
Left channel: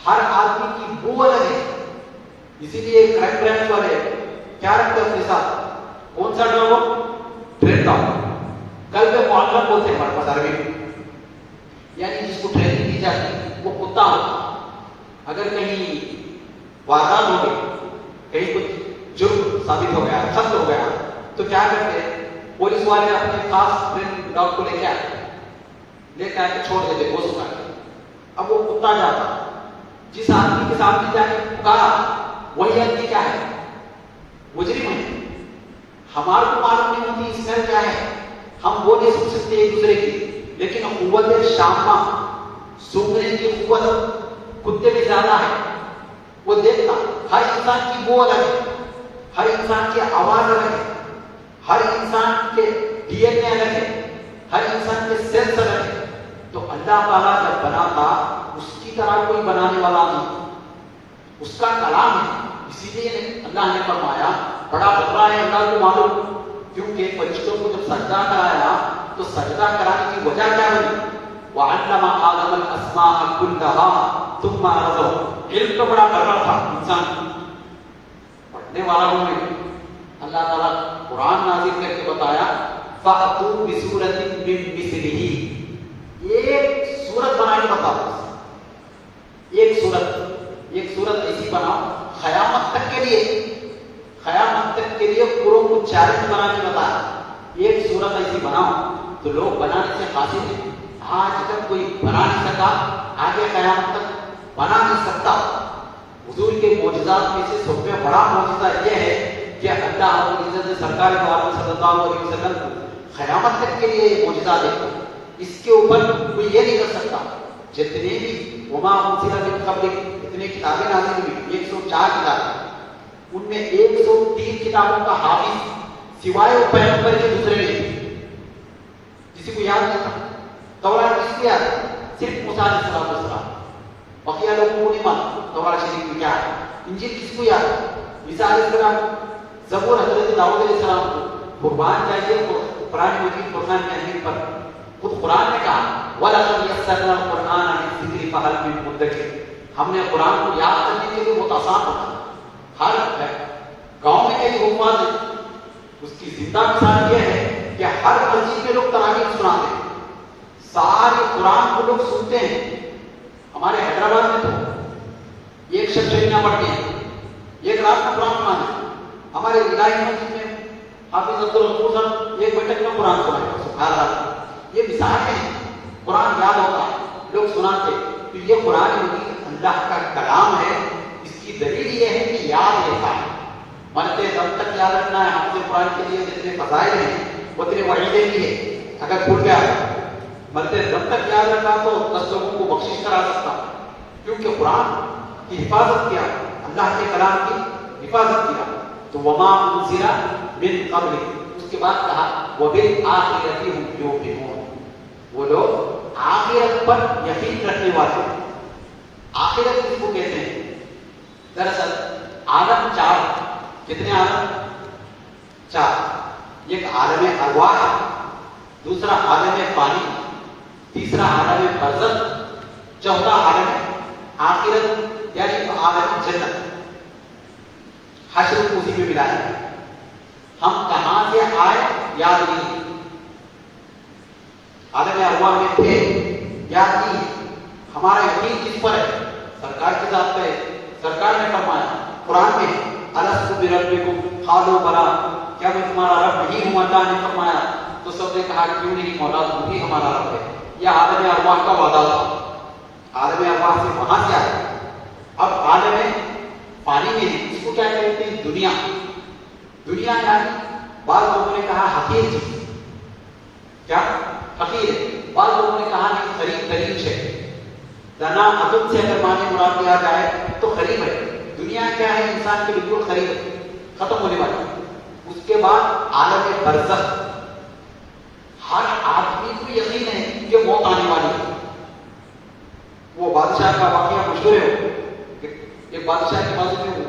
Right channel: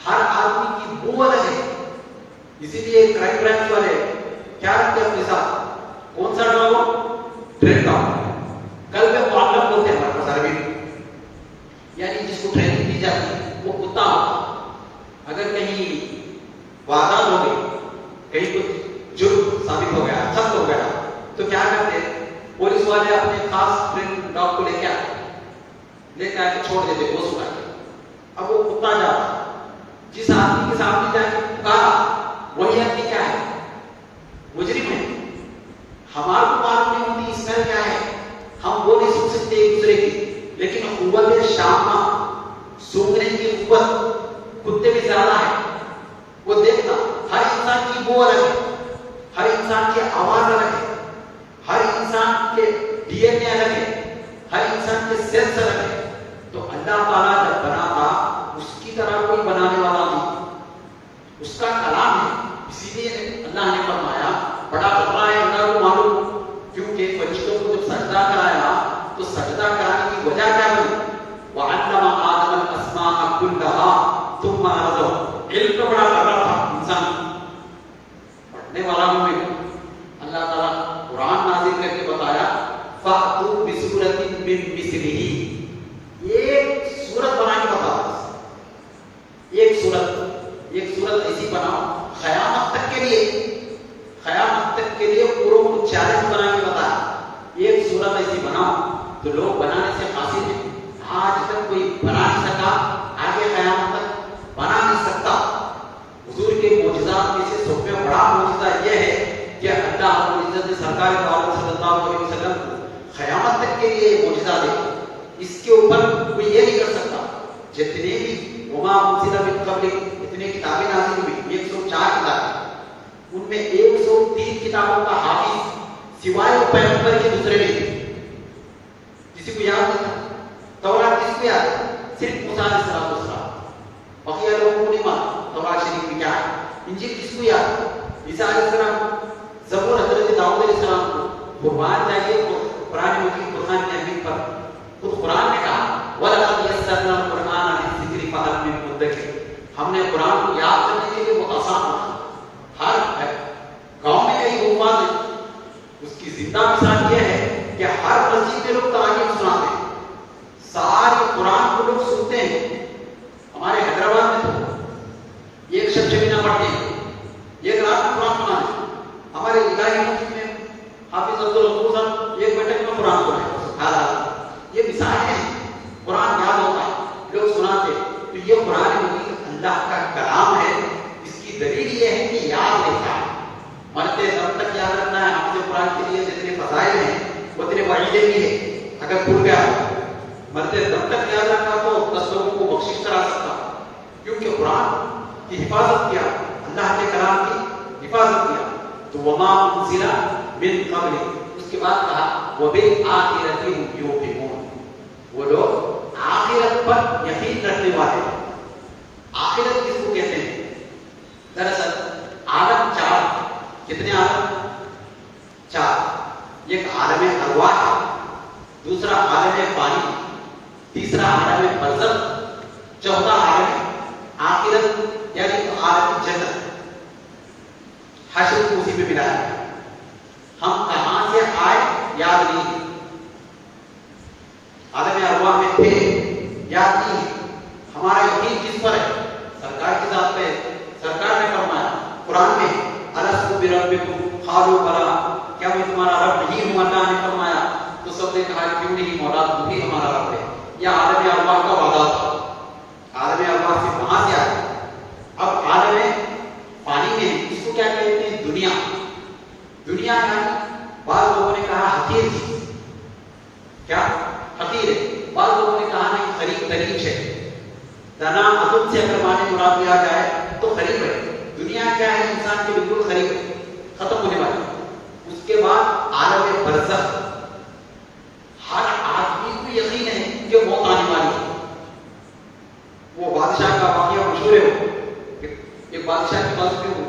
ہر آدمی کی بو الگ ہے. اسی لیے کرائم برانچ والے کیا رکھتے ہیں اپنے ساتھ؟ کون سا ڈاؤ؟ ٹرین کل پہ معلم بولتے ہیں ہمارے پاس عربی میں، یعنی جس کو ٹریننگ دی جاتی ہے وہ کتا ہو. اگر کہیں واردات ہو گئی، کہیں کچھ جرم ثابت ہو گیا، سخت ہو گیا، تو کیا کرتے ہیں؟ پولیس والے اپنے خاص ٹرین ڈاگ کو لے کے آتے ہیں چھوڑ دیتے وہ سنا کے. اب وہ کتا جاتا، جس آدمی کے سامنے جا کے پکارا وہی آدمی کیا ہے؟ مجرم ہے. ہمارے کو معلوم نہیں ہوتی اس میں کیا ہے، ہم وہ نہیں سن سکتے ایک دوسرے کی، لیکن قوت شامہ سونگنے کی قوت کتے میں زیادہ ہے. وہ دیکھتا ہر انسان کی بو الگ ہے، ہر انسان کی آواز الگ ہے، ہر انسان کے ڈی این اے الگ ہے، ہر انسان کے سیلز الگ ہے. تو اللہ تعالیٰ جب بنا تھا اس کی طرح کوئی بنانے والا نہیں، اس کا کلام ہے. اسی لیے اللہ نے فرمایا بڑا خطرہ ہے اللہ کو معلوم، کیونکہ فرشتوں کو جب سجدہ کرایا تو سجدہ کرانے کی وجہ کیا ہوئی؟ وَعَلَّمَ آدَمَ الْأَسْمَاءَ كُلَّهَا ثُمَّ عَرَضَهُمْ. علم کا بڑا قدر تھا انسان پڑھنے والا میں. اللہ تعالیٰ قرآن نازل کر کے بتایا فَأْتُوا بِسُورَةٍ مِّن مِّثْلِهِ. ایک سورت بنانے بتاؤ، ایک سورت ایسی بناؤ قیامت تک کے لیے پوروں کو چیلنج بنا کے بتایا. ایک سورت ایسی بناؤ تو لوگ بنانے سے حاصل ہیں. آج تک کوئی بنا نہیں سکا، آگے قیامت تک بنا نہیں سکتا. حضور کے معجزات میں سے سب سے بڑا معجزہ یہ ہے کہ اللہ رب العزت نے سرکار صلی اللہ علیہ وسلم کو قیامت تک کے لیے معجزہ دے. اس کے اوپر کوئی یہ نہیں کر سکتا. جتنے بھی وما انزل من قبلک اتنے کتابیں نازل ہوئی 104 کتابیں، ان میں 103 کتابوں کا حافظ سوائے پیغمبر کے دوسرے نہیں. کسی کو یاد نہیں تھا. تورات کس کو یاد ہے؟ صرف موسیٰ علیہ السلام. بقیہ لوگوں کو نہیں معلوم تورات شریف میں کیا ہے. انجیل کس کو یاد ہے؟ عیسیٰ علیہ السلام. زبور حضرت داؤد علیہ السلام کو. قربان چاہیے قرآن مجید قرآن کی اہمیت پر خود قرآن نے کہا وَلَقَدْ يَسَّرْنَا الْقُرْآنَ لِلذِّكْرِ فَهَلْ مِن مُّدَّكِرٍ. ہم نے قرآن کو یاد کرنے کے لیے بہت آسان ہوتا. ہر گاؤں میں کئی حکومت ہے، اس کی زندہ مثال یہ ہے کہ ہر مسجد میں لوگ تراویح سناتے ہیں، سارے قرآن کو لوگ سنتے ہیں. ہمارے حیدرآباد میں تو ایک شب نہ پڑھتے ہیں، ایک رات میں قرآن سناتے ہیں. ہمارے الہی مسجد میں حافظ عبدالغفور صاحب ایک بیٹھک میں قرآن سناتے. یہ مثال ہے، قرآن یاد ہوتا لوگ سناتے. تو یہ قرآن مجید اللہ کا کلام ہے. اس کی دلیل یہ ہے کہ یاد رہتا ہے، مرتے دم تک یاد رکھنا ہے. ہمارے قرآن کے لیے جتنے فضائل ہیں اتنے وعیدیں بھی ہیں. اگر بھول گیا مرتے دم تک یاد رکھا تو 10 لوگوں کو بخشش کرا سکتا، کیونکہ قرآن کی حفاظت کیا، اللہ کے کلام کی حفاظت کیا. تو وما انزل من قبل، اس کے بعد کہا وبالآخرۃ هم یوقنون. وہ لوگ آخرت پر یقین رکھنے والے. آخرت کس کو کہتے ہیں؟ دراصل عالم 4. کتنے عالم؟ 4. ایک عالم ارواح ہے، دوسرا عالم پانی، تیسرا عالم برزخ، چوتھا عالم آخرت یعنی عالم جنت. حشر کو اسی میں ملا ہے. ہم کہاں سے آئے یاد نہیں، عالم ارواح میں تھے یاد نہیں. ہمارا یقین کس پر ہے؟ سرکار کے ذات پہ. سرکار نے فرمایا قرآن میں الست بربکم قالوا بلی، کیا میں تمہارا رب نہیں ہوں؟ اللہ نے فرمایا تو سب نے کہا کیوں نہیں مولا، تم ہی ہمارا رب ہے. یہ عالم ارواح کا وعدہ تھا. عالم ارواح سے وہاں سے آئے. اب عالم پانی میں اس کو کیا کہتے ہیں؟ دنیا. دنیا یعنی بعض لوگوں نے کہا حقیر چیز. کیا حقیر ہے؟ بعض لوگوں نے کہا نہیں قریب ترین شے. دنا عدم سے اگر معنی مراد لیا جائے تو قریب ہے. دنیا کیا ہے؟ انسان کے بالکل قریب ہے، ختم ہونے والی. اس کے بعد عالم برزخ. ہر آدمی کو یقین ہے کہ موت آنے والی ہے. وہ بادشاہ کا واقعہ مشہور ہے. ایک بادشاہ کے پاس میں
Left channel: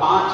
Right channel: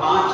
5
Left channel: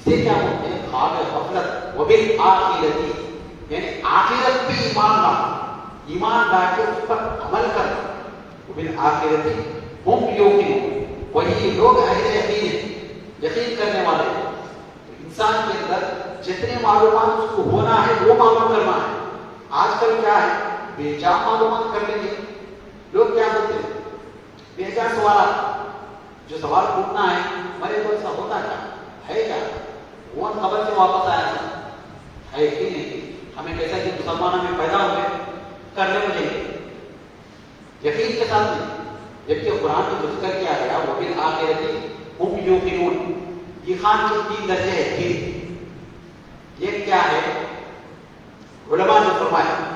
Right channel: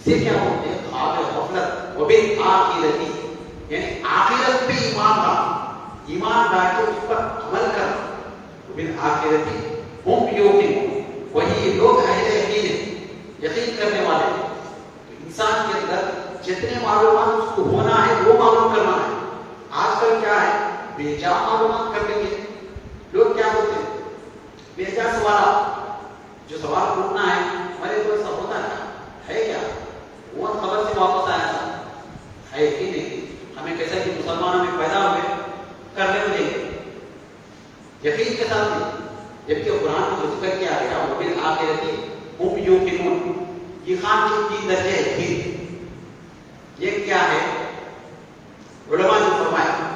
اسے کیا بولتے ہیں؟ خواب غفلت. وبالآخرتی یعنی آخرت پہ ایمان لانا، ایمان لا کے اس پر عمل کرنا. وبالآخرتی ہم یوقنون، وہی لوگ اہل یقین ہیں، یقین کرنے والے ہیں. انسان کے اندر جتنے معلومات اس کو ہونا ہے وہ معلوم کرنا ہے. آج کل کیا ہے؟ بے جا معلومات کر لیں گے. لوگ کیا ہوتے ہیں؟ بے جا سوالات. جو سوال پوچھنا ہے ہمارے تو ایسا ہوتا ہے کیا؟ وہ خبر سے واپس آیا تھا ہے کہ نہیں؟ ہمیں کیسا کہ مسلمانوں میں پیدا ہوئے کرنے مجھے یقین کے ساتھ نہیں. جبکہ قرآن کو ذکر کیا گیا وہ بھی آخرتی ہم یوقنون. یہ خان کے 3 درجے ہیں. 3 یہ کیا ہے؟ علماء نے فرمایا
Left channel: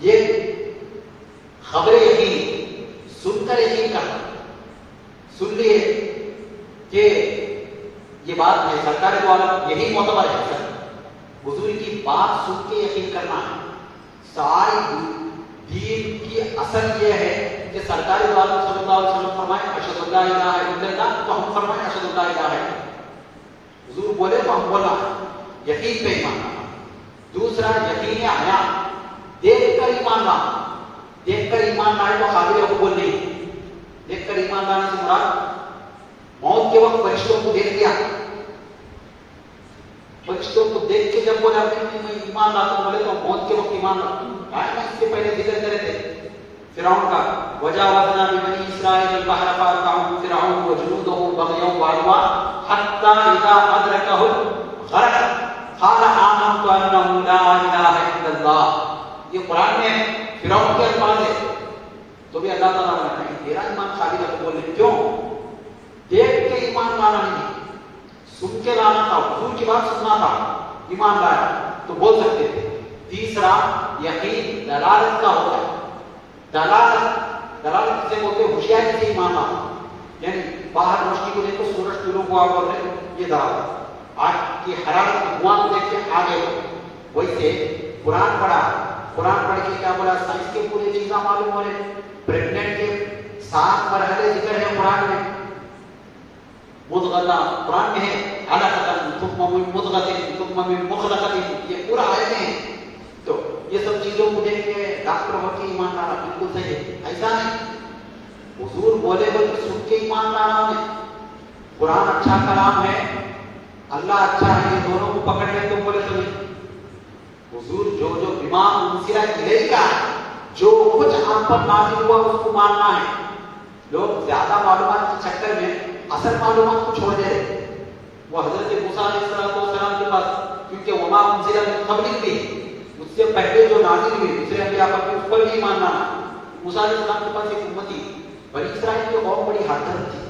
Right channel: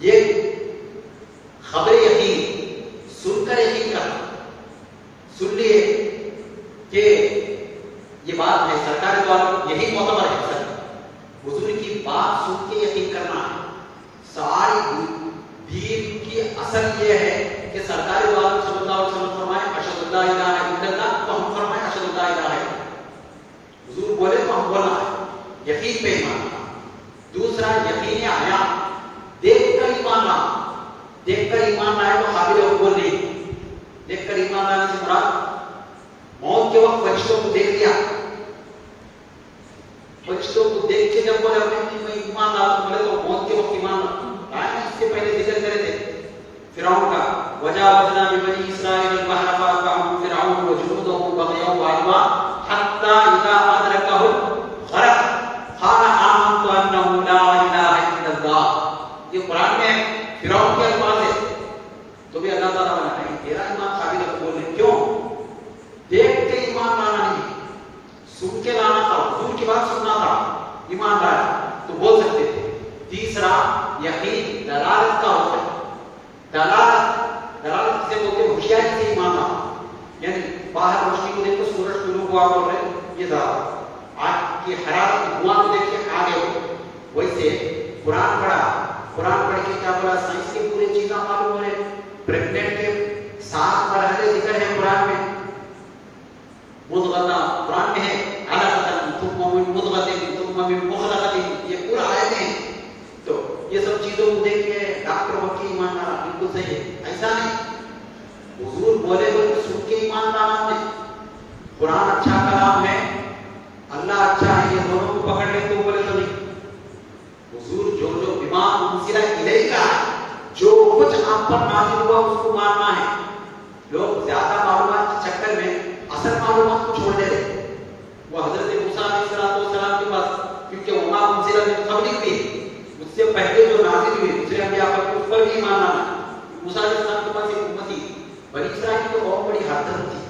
یہ خبر یقین، سن کر یقین کرنا. سن لیے کہ یہ بات ہے سرکار دوارا یہی معتبر ہے، سر حضور کی بات سن کے یقین کرنا ہے. ساری دین کی اصل یہ ہے کہ سرکار دوارا صلی اللہ علیہ وسلم فرمائے اشہد اللہ الہ الا اللہ، تو ہم فرمائیں اشہد اللہ الہ الا اللہ. حضور بولے تو ہم بولنا ہے، یقین پہ ایمان لانا. دوسرا یقین حیات، دیکھ کر ایمان لانا. دیکھ کر ایمان لائے تو قابل قبول نہیں. دیکھ کر ایمان لانے سے مراد موت کے وقت فرشتوں کو دیکھ لیا، فرشتوں کو دیکھ کے جب بولا میں ایمان لاتا ہوں، بولے تو موت کے وقت ایمان لاتا ہوں. اس سے پہلے ذکر کرے تھے فرعون کا وجاوزنا ببنی اسرائیل البحر فاتبعهم فرعون وجنوده بغيا وعدوا حتى اذا ادركه الغرق قال آمنت انه لا اله الا الله. یہ قرآن میں فرعون کے الفاظ ہے. تو بھی اللہ تعالیٰ نے تیرا ایمان قابل قبول نہیں. کیوں؟ دیکھ کے ایمان لانا نہیں، سن کے لانا تھا. حضور کی بات سننا تھا، ایمان لایا تو بول سکتے تھے. تیسرا یقین دلالت کا ہوتا ہے. دلالت سے بولتے ہوشیاری سے ایمان لانا. یعنی باہر روشنی کو دیکھو سورج طلوع ہوا اور یہ دعوت، آگ کی حرارت دھواں کو دیکھ کے آگے ہو. ویسے قرآن پڑھا، قرآن پڑھ کے کیا بولا؟ سائنس کے پورے چیزاں معلوم ہو رہے. پریگننٹ کے 7 مرحلے ذکر ہیں قرآن میں. مضغہ قرآن میں ہے، علقۃ ثم من مضغۃ ثم من مخلقۃ، یہ پورا آیت ہے. تو یہ سب چیزوں کو دیکھ کے ڈاکٹر وکیل ایمان لانا بالکل صحیح ہے. ایسا نہیں حضور بولے تو سن کے ایمان لانا نہیں. قرآن اچھا کلام ہے، اللہ اچھا ہے، یہ دونوں کو پکڑ کے تو بولے تو نہیں. حضور جو بما انزل الیک، جو کچھ آپ پر نازل ہوا اس کو ماننا ہے. لوگ زیادہ معلومات کے چکر میں اصل معلومات کو چھوڑ دے رہے. وہ حضرت موسیٰ علیہ السلام کے پاس، کیونکہ وما انزل من قبلک بھی، اس سے پہلے جو نازل ہوئی دوسرے انبیاء پر اس پر بھی ایمان لانا. موسیٰ علیہ السلام کے پاس ایک امتی بنی اسرائیل کی قوم بڑی حرکت تھی،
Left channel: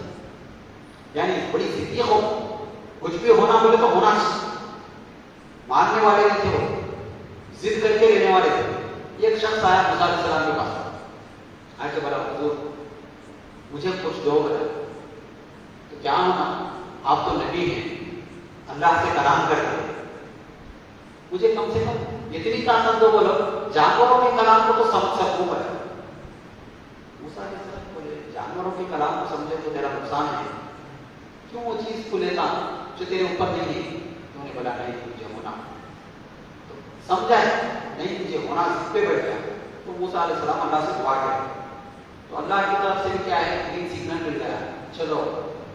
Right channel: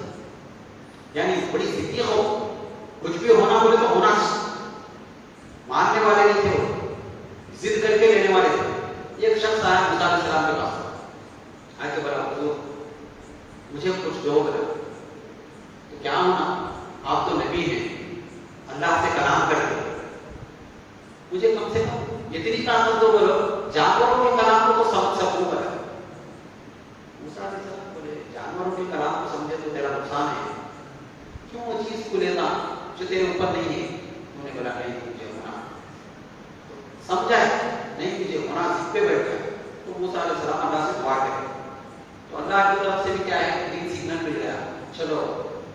یعنی بڑی ضدی قوم. کچھ بھی ہونا بولے تو ہونا چاہیے. ماننے والے نہیں تھے، وہ ضد کر کے لینے والے تھے. ایک شخص آیا موسیٰ علیہ السلام کے پاس، آ کے بولا حضور مجھے کچھ دو گا. تو کیا ہونا؟ آپ تو نبی ہیں، اللہ سے کلام کرتے ہیں، مجھے کم سے کم اتنی طاقت دو، بولو جانوروں کے کلام کو تو سمجھ سکوں گا. موسیٰ علیہ السلام بولے جانوروں کے کلام کو سمجھے تو تیرا نقصان ہے، کیوں وہ چیز کو لینا جو تیرے اوپر نہیں ہے. انہوں نے بولا نہیں مجھے ہونا. سمجھا ہے نہیں مجھے ہونا، اس پہ بیٹھ گیا. تو موسیٰ علیہ السلام اللہ سے دعا کرے تو اللہ کی طرف سے بھی کیا ہے؟ گرین سگنل مل گیا، چلو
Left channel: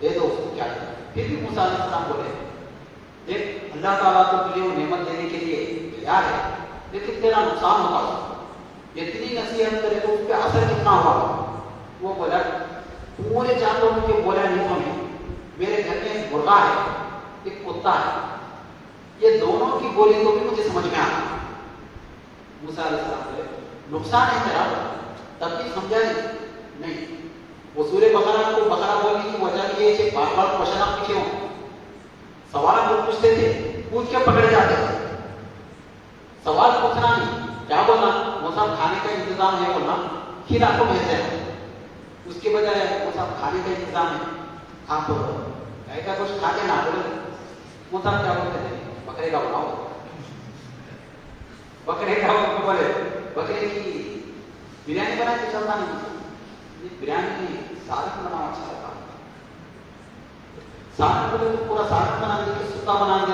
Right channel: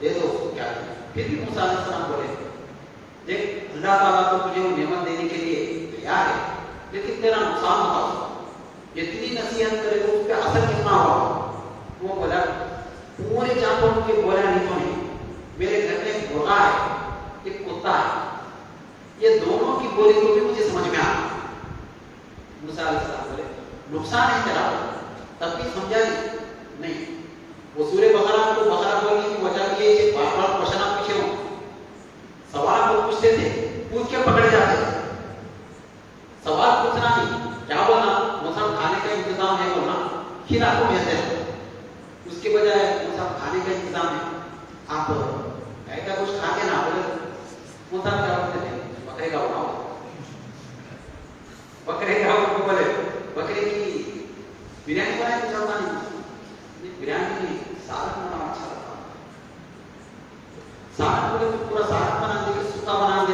دے دو اس کو کیا ہے. پھر بھی موسیٰ علیہ السلام بولے دیکھ اللہ تعالیٰ تو تجھے وہ نعمت دینے کے لیے تیار ہے، لیکن تیرا نقصان ہوگا. اتنی نصیحت کرے تو اس پہ اثر کتنا ہوگا. وہ بولا پورے جانوروں کے بولا نہیں ہونے، میرے گھر میں ایک مرغا ہے، ایک کتا ہے، یہ دونوں کی بولی کو بھی مجھے سمجھ میں آیا. موسیٰ علیہ السلام بولے نقصان ہے تیرا، تب بھی سمجھا نہیں. وہ سورہ بقرہ کو بقرہ بولنے کی وجہ یہ کہ بار بار کوشچن آپ پیچھے ہوں، سوال وہ پوچھتے تھے، پوچھ کے پکڑے جاتے تھے. سوال پوچھنا نہیں، کیا بولنا؟ موسیٰ کھانے کا انتظام ہے بولنا، پھر آپ کو بھیجتے ہیں. اس کے بجائے موسیٰ کھانے کا انتظام ہے، آپ گائے کا کچھ کھاتے نا. بولے موسیٰ کیا بولتے تھے؟ بکرے کا بناؤ. بکرے کا بولے بکرے کی بریانی بنائے تو چلتا نہیں. بریانی کی سالن بنانا اچھا لگتا. سالن بولے تو پورا سالن بنا دے، سکا بنا دے.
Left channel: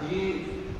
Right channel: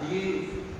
3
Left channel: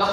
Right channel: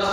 10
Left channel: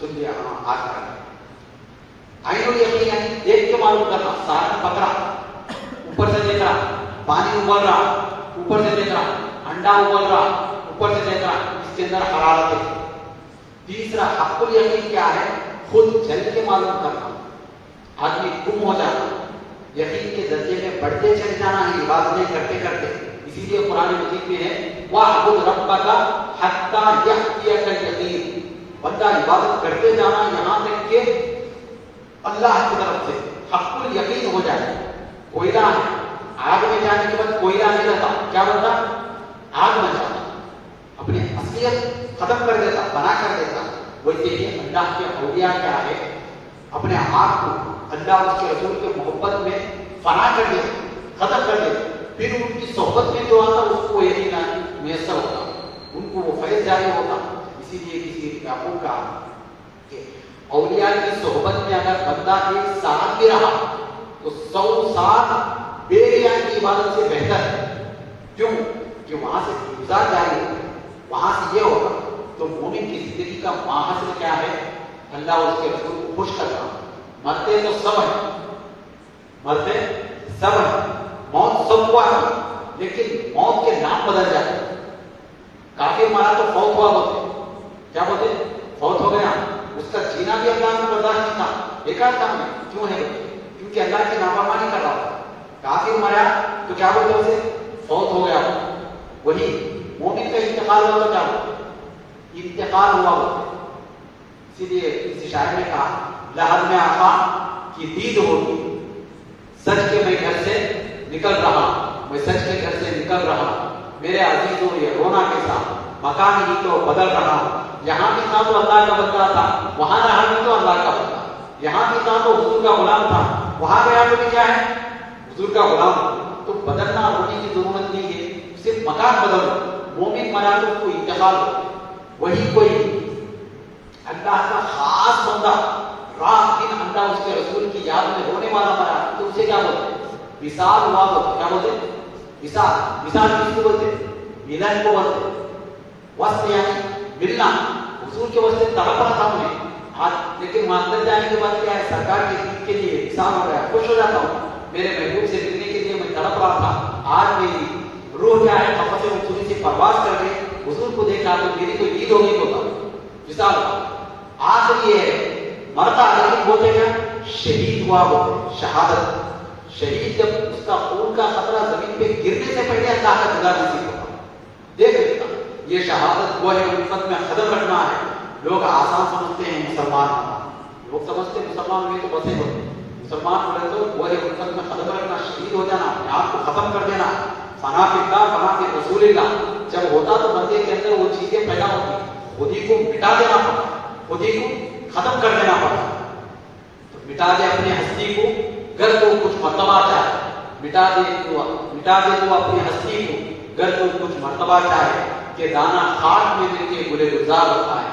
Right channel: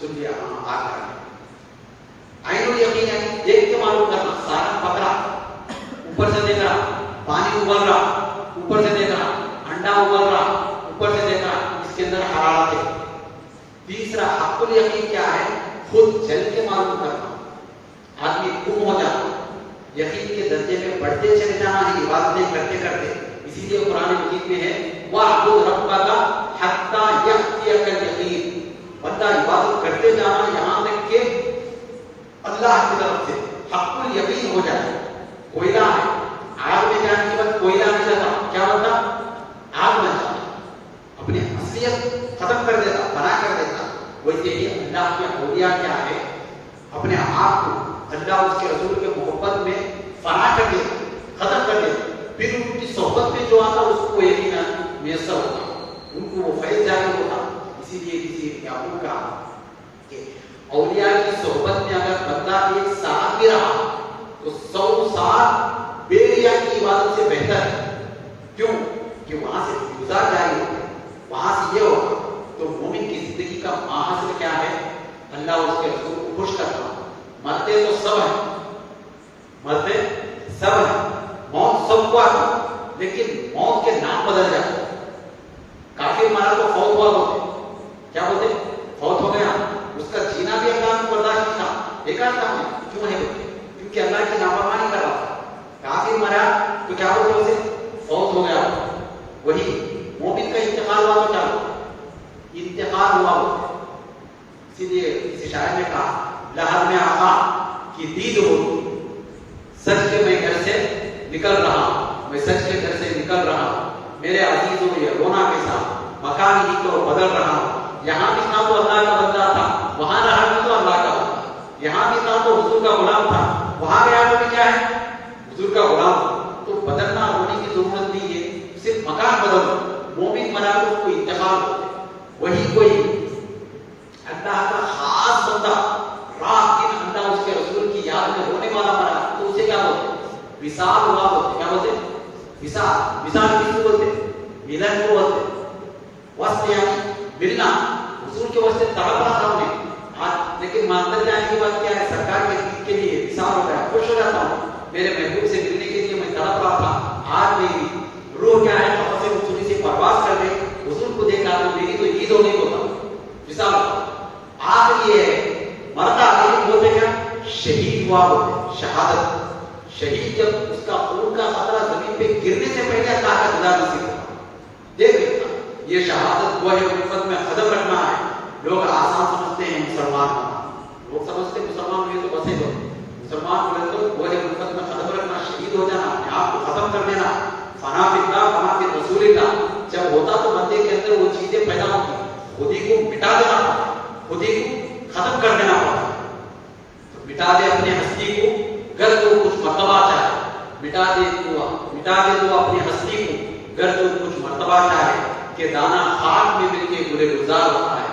سن لیا ہاں آگ کرنا. عین الیقین یعنی دیکھ کے معلوم کرنا. سارا پکڑا, اوپر سے دیکھ رہا, پانی ابل رہا, اوپر سے دیکھ رہا, انڈا ابل رہا, اوپر سے دیکھ رہا, اس کے اندر حرارت ہے. تیسرا حق الیقین کیا ہے؟ خود جل کے معلوم کرنا. آدمی گم ہو جاتا, یقین کے درجے میں بڑھتے چلے جانا ہے عبادتیں کرتے کرتے. اسی لیے قرآن مجید میں ہے وَاعْبُدْ رَبَّكَ حَتَّى يَأْتِيَكَ الْيَقِينُ. بندہ عبادت کرتے جانا یہاں تک کہ اللہ کی طرف سے حق الیقین ہو جائے. کوئلہ ہے, آگ میں جانے کے بعد کوئلہ نہیں رہتا, کیا ہوتا؟ آگ بن جاتا, اپنی اصلیت ختم کر دیتا, فنا کر دیتا. ویسے ہی اللہ کے اولیاء کیا ہے, اپنے آپ کو اللہ اس کے رسول کے محبت میں فنا کر دے, ختم کر دے. پھر ان کی صحبت میں جو آتا اس کو ایک ہی میسر ہوتا, ان کو وہ فیض جاری ہوتا. اسی لیے کسی یعقوب کا کہ اولیاء کی صحبت میں اگر بندہ ایک سال بھی رہا تو 100 سال بے ریا کی عبادت سے بہتر ہے. کیوں کہ وہاں سے گزار جاری ہوتے, وہاں سے یہ ہوتا. تو مومن کی زندگی کا ماحصل کیا ہے؟ اللہ اس کے رسول کو خوش کرنا. مرتے تو سب ہیں, مرتے سب ہیں, موت سب کو آتی, لیکن موت کے نام بدل جاتے. کافر مارا تو فوت ہوا بولتے, کیا بولتے؟ فوت ہو گیا. اس کا جینا بھی اللہ کو برداشت نہیں تھا, بیکار کام ہے. کیوں ہے؟ کیونکہ اللہ کی نافرمانی کر رہا. کافر مرا تو کیا بولتے اسے؟ فوت ہو گیا. وہی مومن کا انتقال ہوا تو کیا بولتے؟ انتقال ہوا بولتے. اسی لیے اس شاعر نے کہا لہر میں آقا کی دید ہوگی, سچ کے میں گھر سے نکل رہا, میں سچ کے گھر سے نکل رہا, میرے عزیزوں یہ رونا کے ساتھ مکان ہی کو بدل رہا. یہاں بھی تھا تو اللہ کا بندہ تھا, وہاں رہا بھی تو اللہ کا بندہ. یہاں بھی تھا تو حضور کا غلام تھا, وہاں گیا تو بھی کیا ہے؟ حضور کا غلام. تو بدلنا ہونے کی ضرورت نہیں ہے, صرف مکان بدل. مومن مرا تو کوئی انتقال ہو, وہی کوئی اللہ کا خاص بندہ رات دن اللہ اس کے رسول کی یاد میں رونے والا مرا تو اسے کیا بولتے؟ وصال ہوا بولتے. کیا بولتے؟ وصال. وصال کس کو بولتے؟ ملن کو بولتے. وصل یعنی ملنا. حضور کے واسطے تڑپ رہا تھا انہیں آج, لیکن مانتر جانے کے بعد کیا ہے؟ سرکار کے دین کے لیے وصال ہو گیا, خوش ہو جاتا ہوں. میرے محبوب سے ملنے کے لیے میں تڑپ رہا تھا, آج میری روح کیا ہے؟ قفس رسولی سے پرواز کر گئی, حضور کو دیکھ رہا تو میری تو عید ہونے کو تھا. وصال. آخر یہ ہے مرتا آگے بولتے کیا؟ شہید ہوا بولتے. شہادت. شہید جب اس کا خون کا خطرہ زمین پہ گرنے سے پہلے اللہ کا دیدار نصیب ہوتا. دیکھ لیتا یہ شہادت وہ ہے مفت میں قدم رکھنا ہے. لوگ آسان سمجھتے ہیں مسلمان ہونا, لوگ سمجھتے ہیں مسلمان ہوئے تو بسے ہوتے. مسلمان ہوئے تو وہ ہے مفت میں قدم رکھنا, شہید ہو جانا, اپنے آپ کو ختم کر دینا. فنا فی اللہ فنا فی رسول اللہ. جب ہوتا تو بندے کے اندر وہ چیزیں پیدا ہوتی, خود ہی کو مٹا دینا پڑتا, خود ہی کو ختم کر دینا پڑتا. تو مٹا دے اپنی ہستی کو, گر تو کچھ مرتبہ چاہے. مٹا دے تو اپنی ہستی کو, گر تو کچھ مرتبہ چاہے. کہ دانا خاک میں مل کے گلے گلزار ہوتا ہے.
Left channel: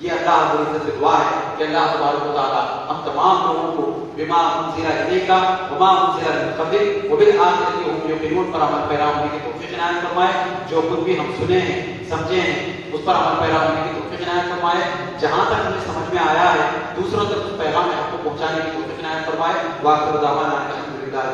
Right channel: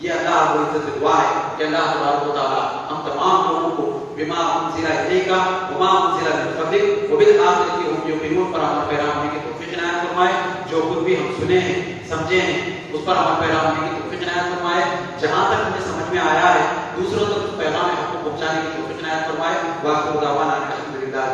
یہ اللہ رب العزت سے دعا ہے کہ اللہ تبارک و تعالی ہم تمام لوگوں کو بما انزل الیک وما انزل من قبلک وبالآخرۃ هم یوقنون پر عمل پیرا ہونے کی توفیق عنایت فرمائے. جو کچھ بھی ہم سنے ہیں سمجھے ہیں اس پر عمل پیرا ہونے کی توفیق عنایت فرمائے. جہاں تک ہمیں سمجھ میں آیا ہے دوسروں تک پیغام حق کو پہنچانے کی توفیق عنایت فرمائے. واخر دعوانا الحمدللہ.